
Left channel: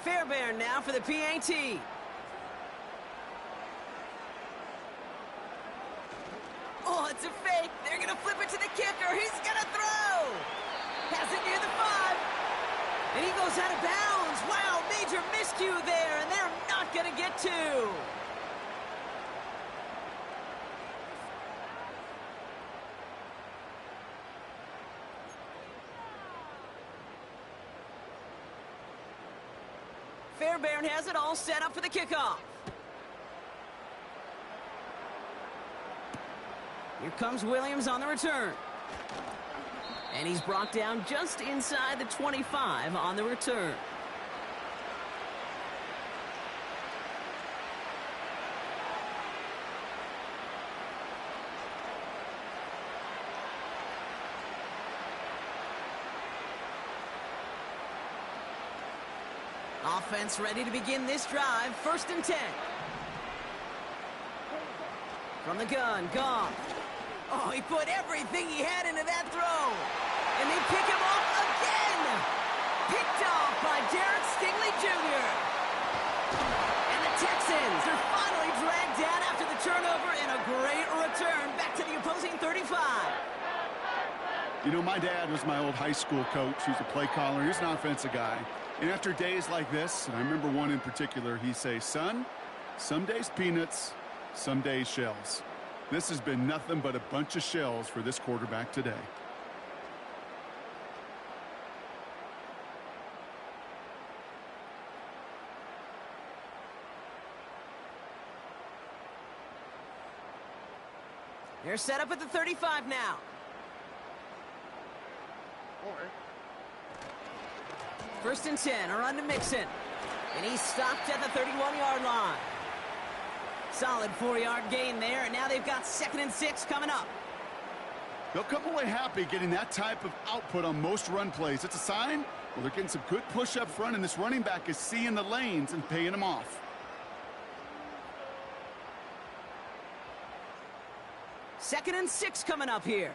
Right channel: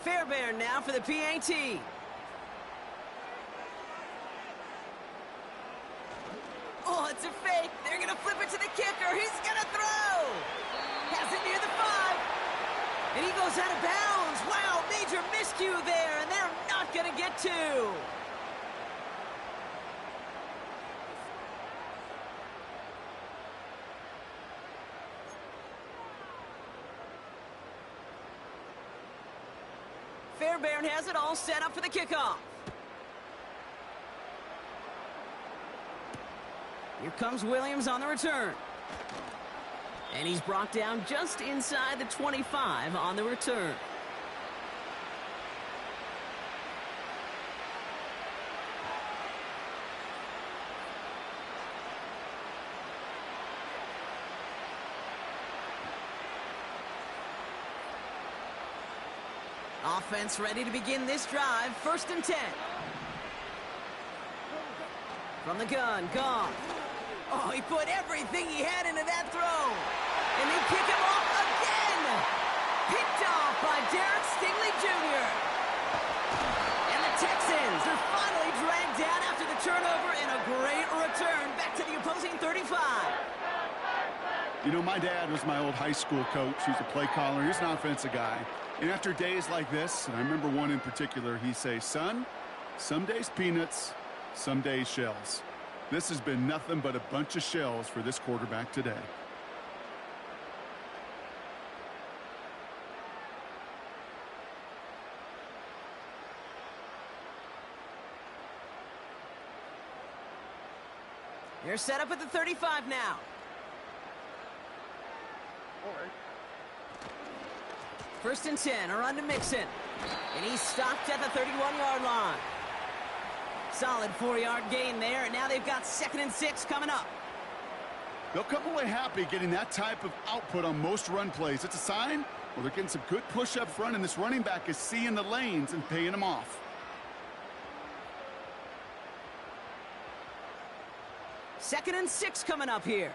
Fairbairn now for the PAT. Oh, it's a fake. They're going to flip it to the kicker. He's going to throw. Has it near the 5. And he goes out of bounds. Wow, major miscue there, and they're not going to get 2. Fairbairn has it all set up for the kickoff. Here comes Williams on the return. And he's brought down just inside the 25 on the return. Offense ready to begin this drive. First and 10. From the gun, Goff. Oh, he put everything he had into that throw. And they pick him off again. Picked off by Derek Stingley Jr. And the Texans are finally dragged down after the turnover and a great return back to the opposing 35. You know, my dad was my old high school coach. He was a play caller. He was an offensive guy. And after days like this, and I remember one in particular, he'd say, son, some days peanuts, some days shells. This has been nothing but a bunch of shells for this quarterback today. They're set up at the 35 now. All right. First and 10, a run to Mixon. And he's stopped at the 31-yard line. Solid 4-yard gain there, and now they've got 2nd and 6 coming up. They'll come away happy getting that type of output on most run plays. It's a sign, well, they're getting some good push up front, and this running back is seeing the lanes and paying them off. Second and 6 coming up here.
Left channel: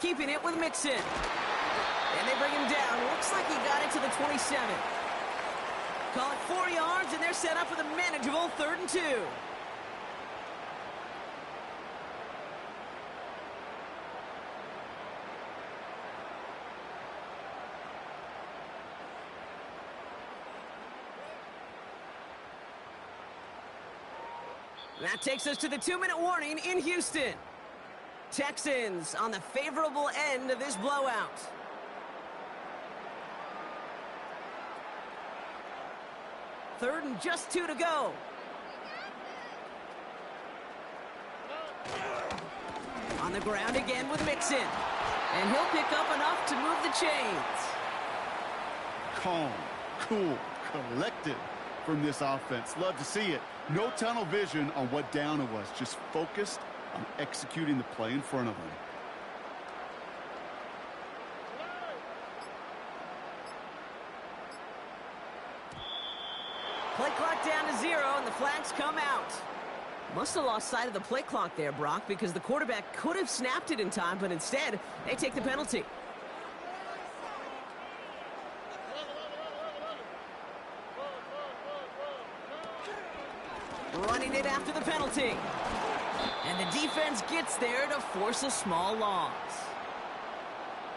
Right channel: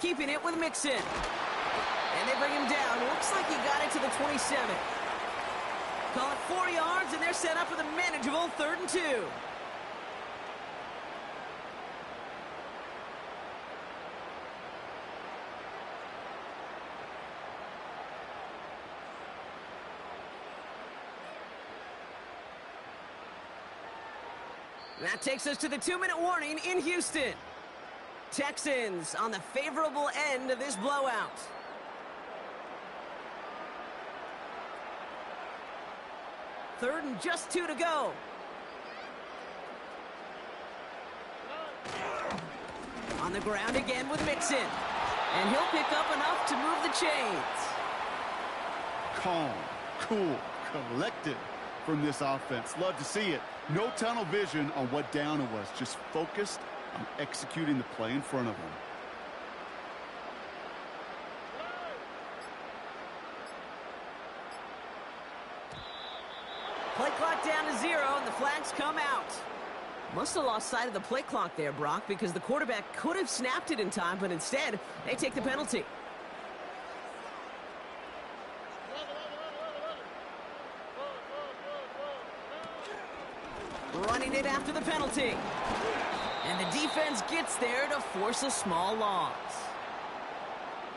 Keeping it with Mixon. And they bring him down. Looks like he got it to the 27. Call it 4 yards, and they're set up with a manageable 3rd and 2. That takes us to the 2-minute warning in Houston. Texans on the favorable end of this blowout. Third and just 2 to go. On the ground again with Mixon. And he'll pick up enough to move the chains. Calm, cool, collected from this offense. Love to see it. No tunnel vision on what down it was. Just focused on executing the play in front of them. Play clock down to 0, and the flags come out. Must have lost sight of the play clock there, Brock, because the quarterback could have snapped it in time, but instead, they take the penalty. Running it after the penalty. And the defense gets there to force a small loss.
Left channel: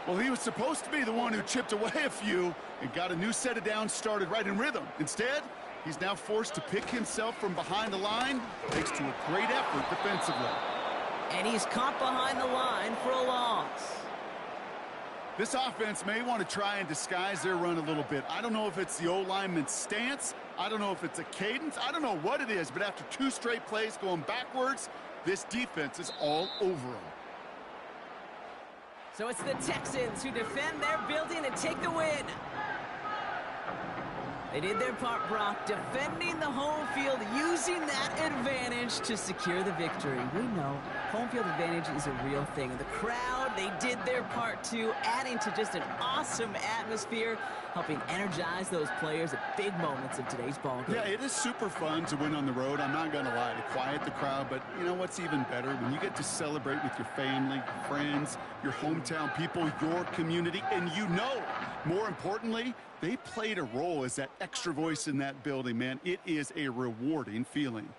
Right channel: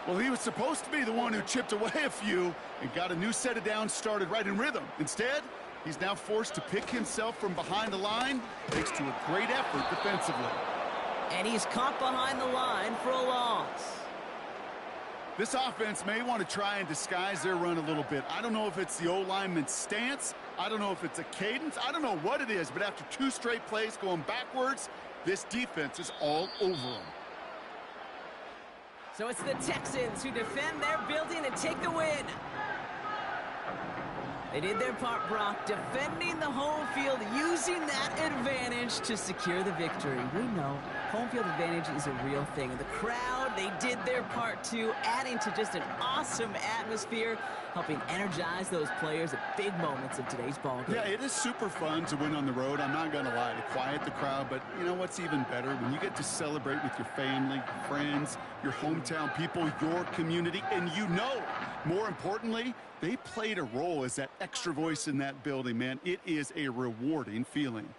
Well, he was supposed to be the one who chipped away a few and got a new set of downs started right in rhythm. Instead, he's now forced to pick himself from behind the line thanks to a great effort defensively. And he's caught behind the line for a loss. This offense may want to try and disguise their run a little bit. I don't know if it's the O-lineman's stance. I don't know if it's a cadence. I don't know what it is, but after 2 straight plays going backwards, this defense is all over them. So it's the Texans who defend their building and take the win. They did their part, Brock, defending the home field, using that advantage to secure the victory. We know home field advantage is a real thing. And the crowd, they did their part too, adding to just an awesome atmosphere, helping energize those players at big moments of today's ballgame. Yeah, it is super fun to win on the road. I'm not going to lie, to quiet the crowd. But you know what's even better? When you get to celebrate with your family, your friends, your hometown people, your community, and you know, more importantly, they played a role as that extra voice in that building, man. It is a rewarding feeling.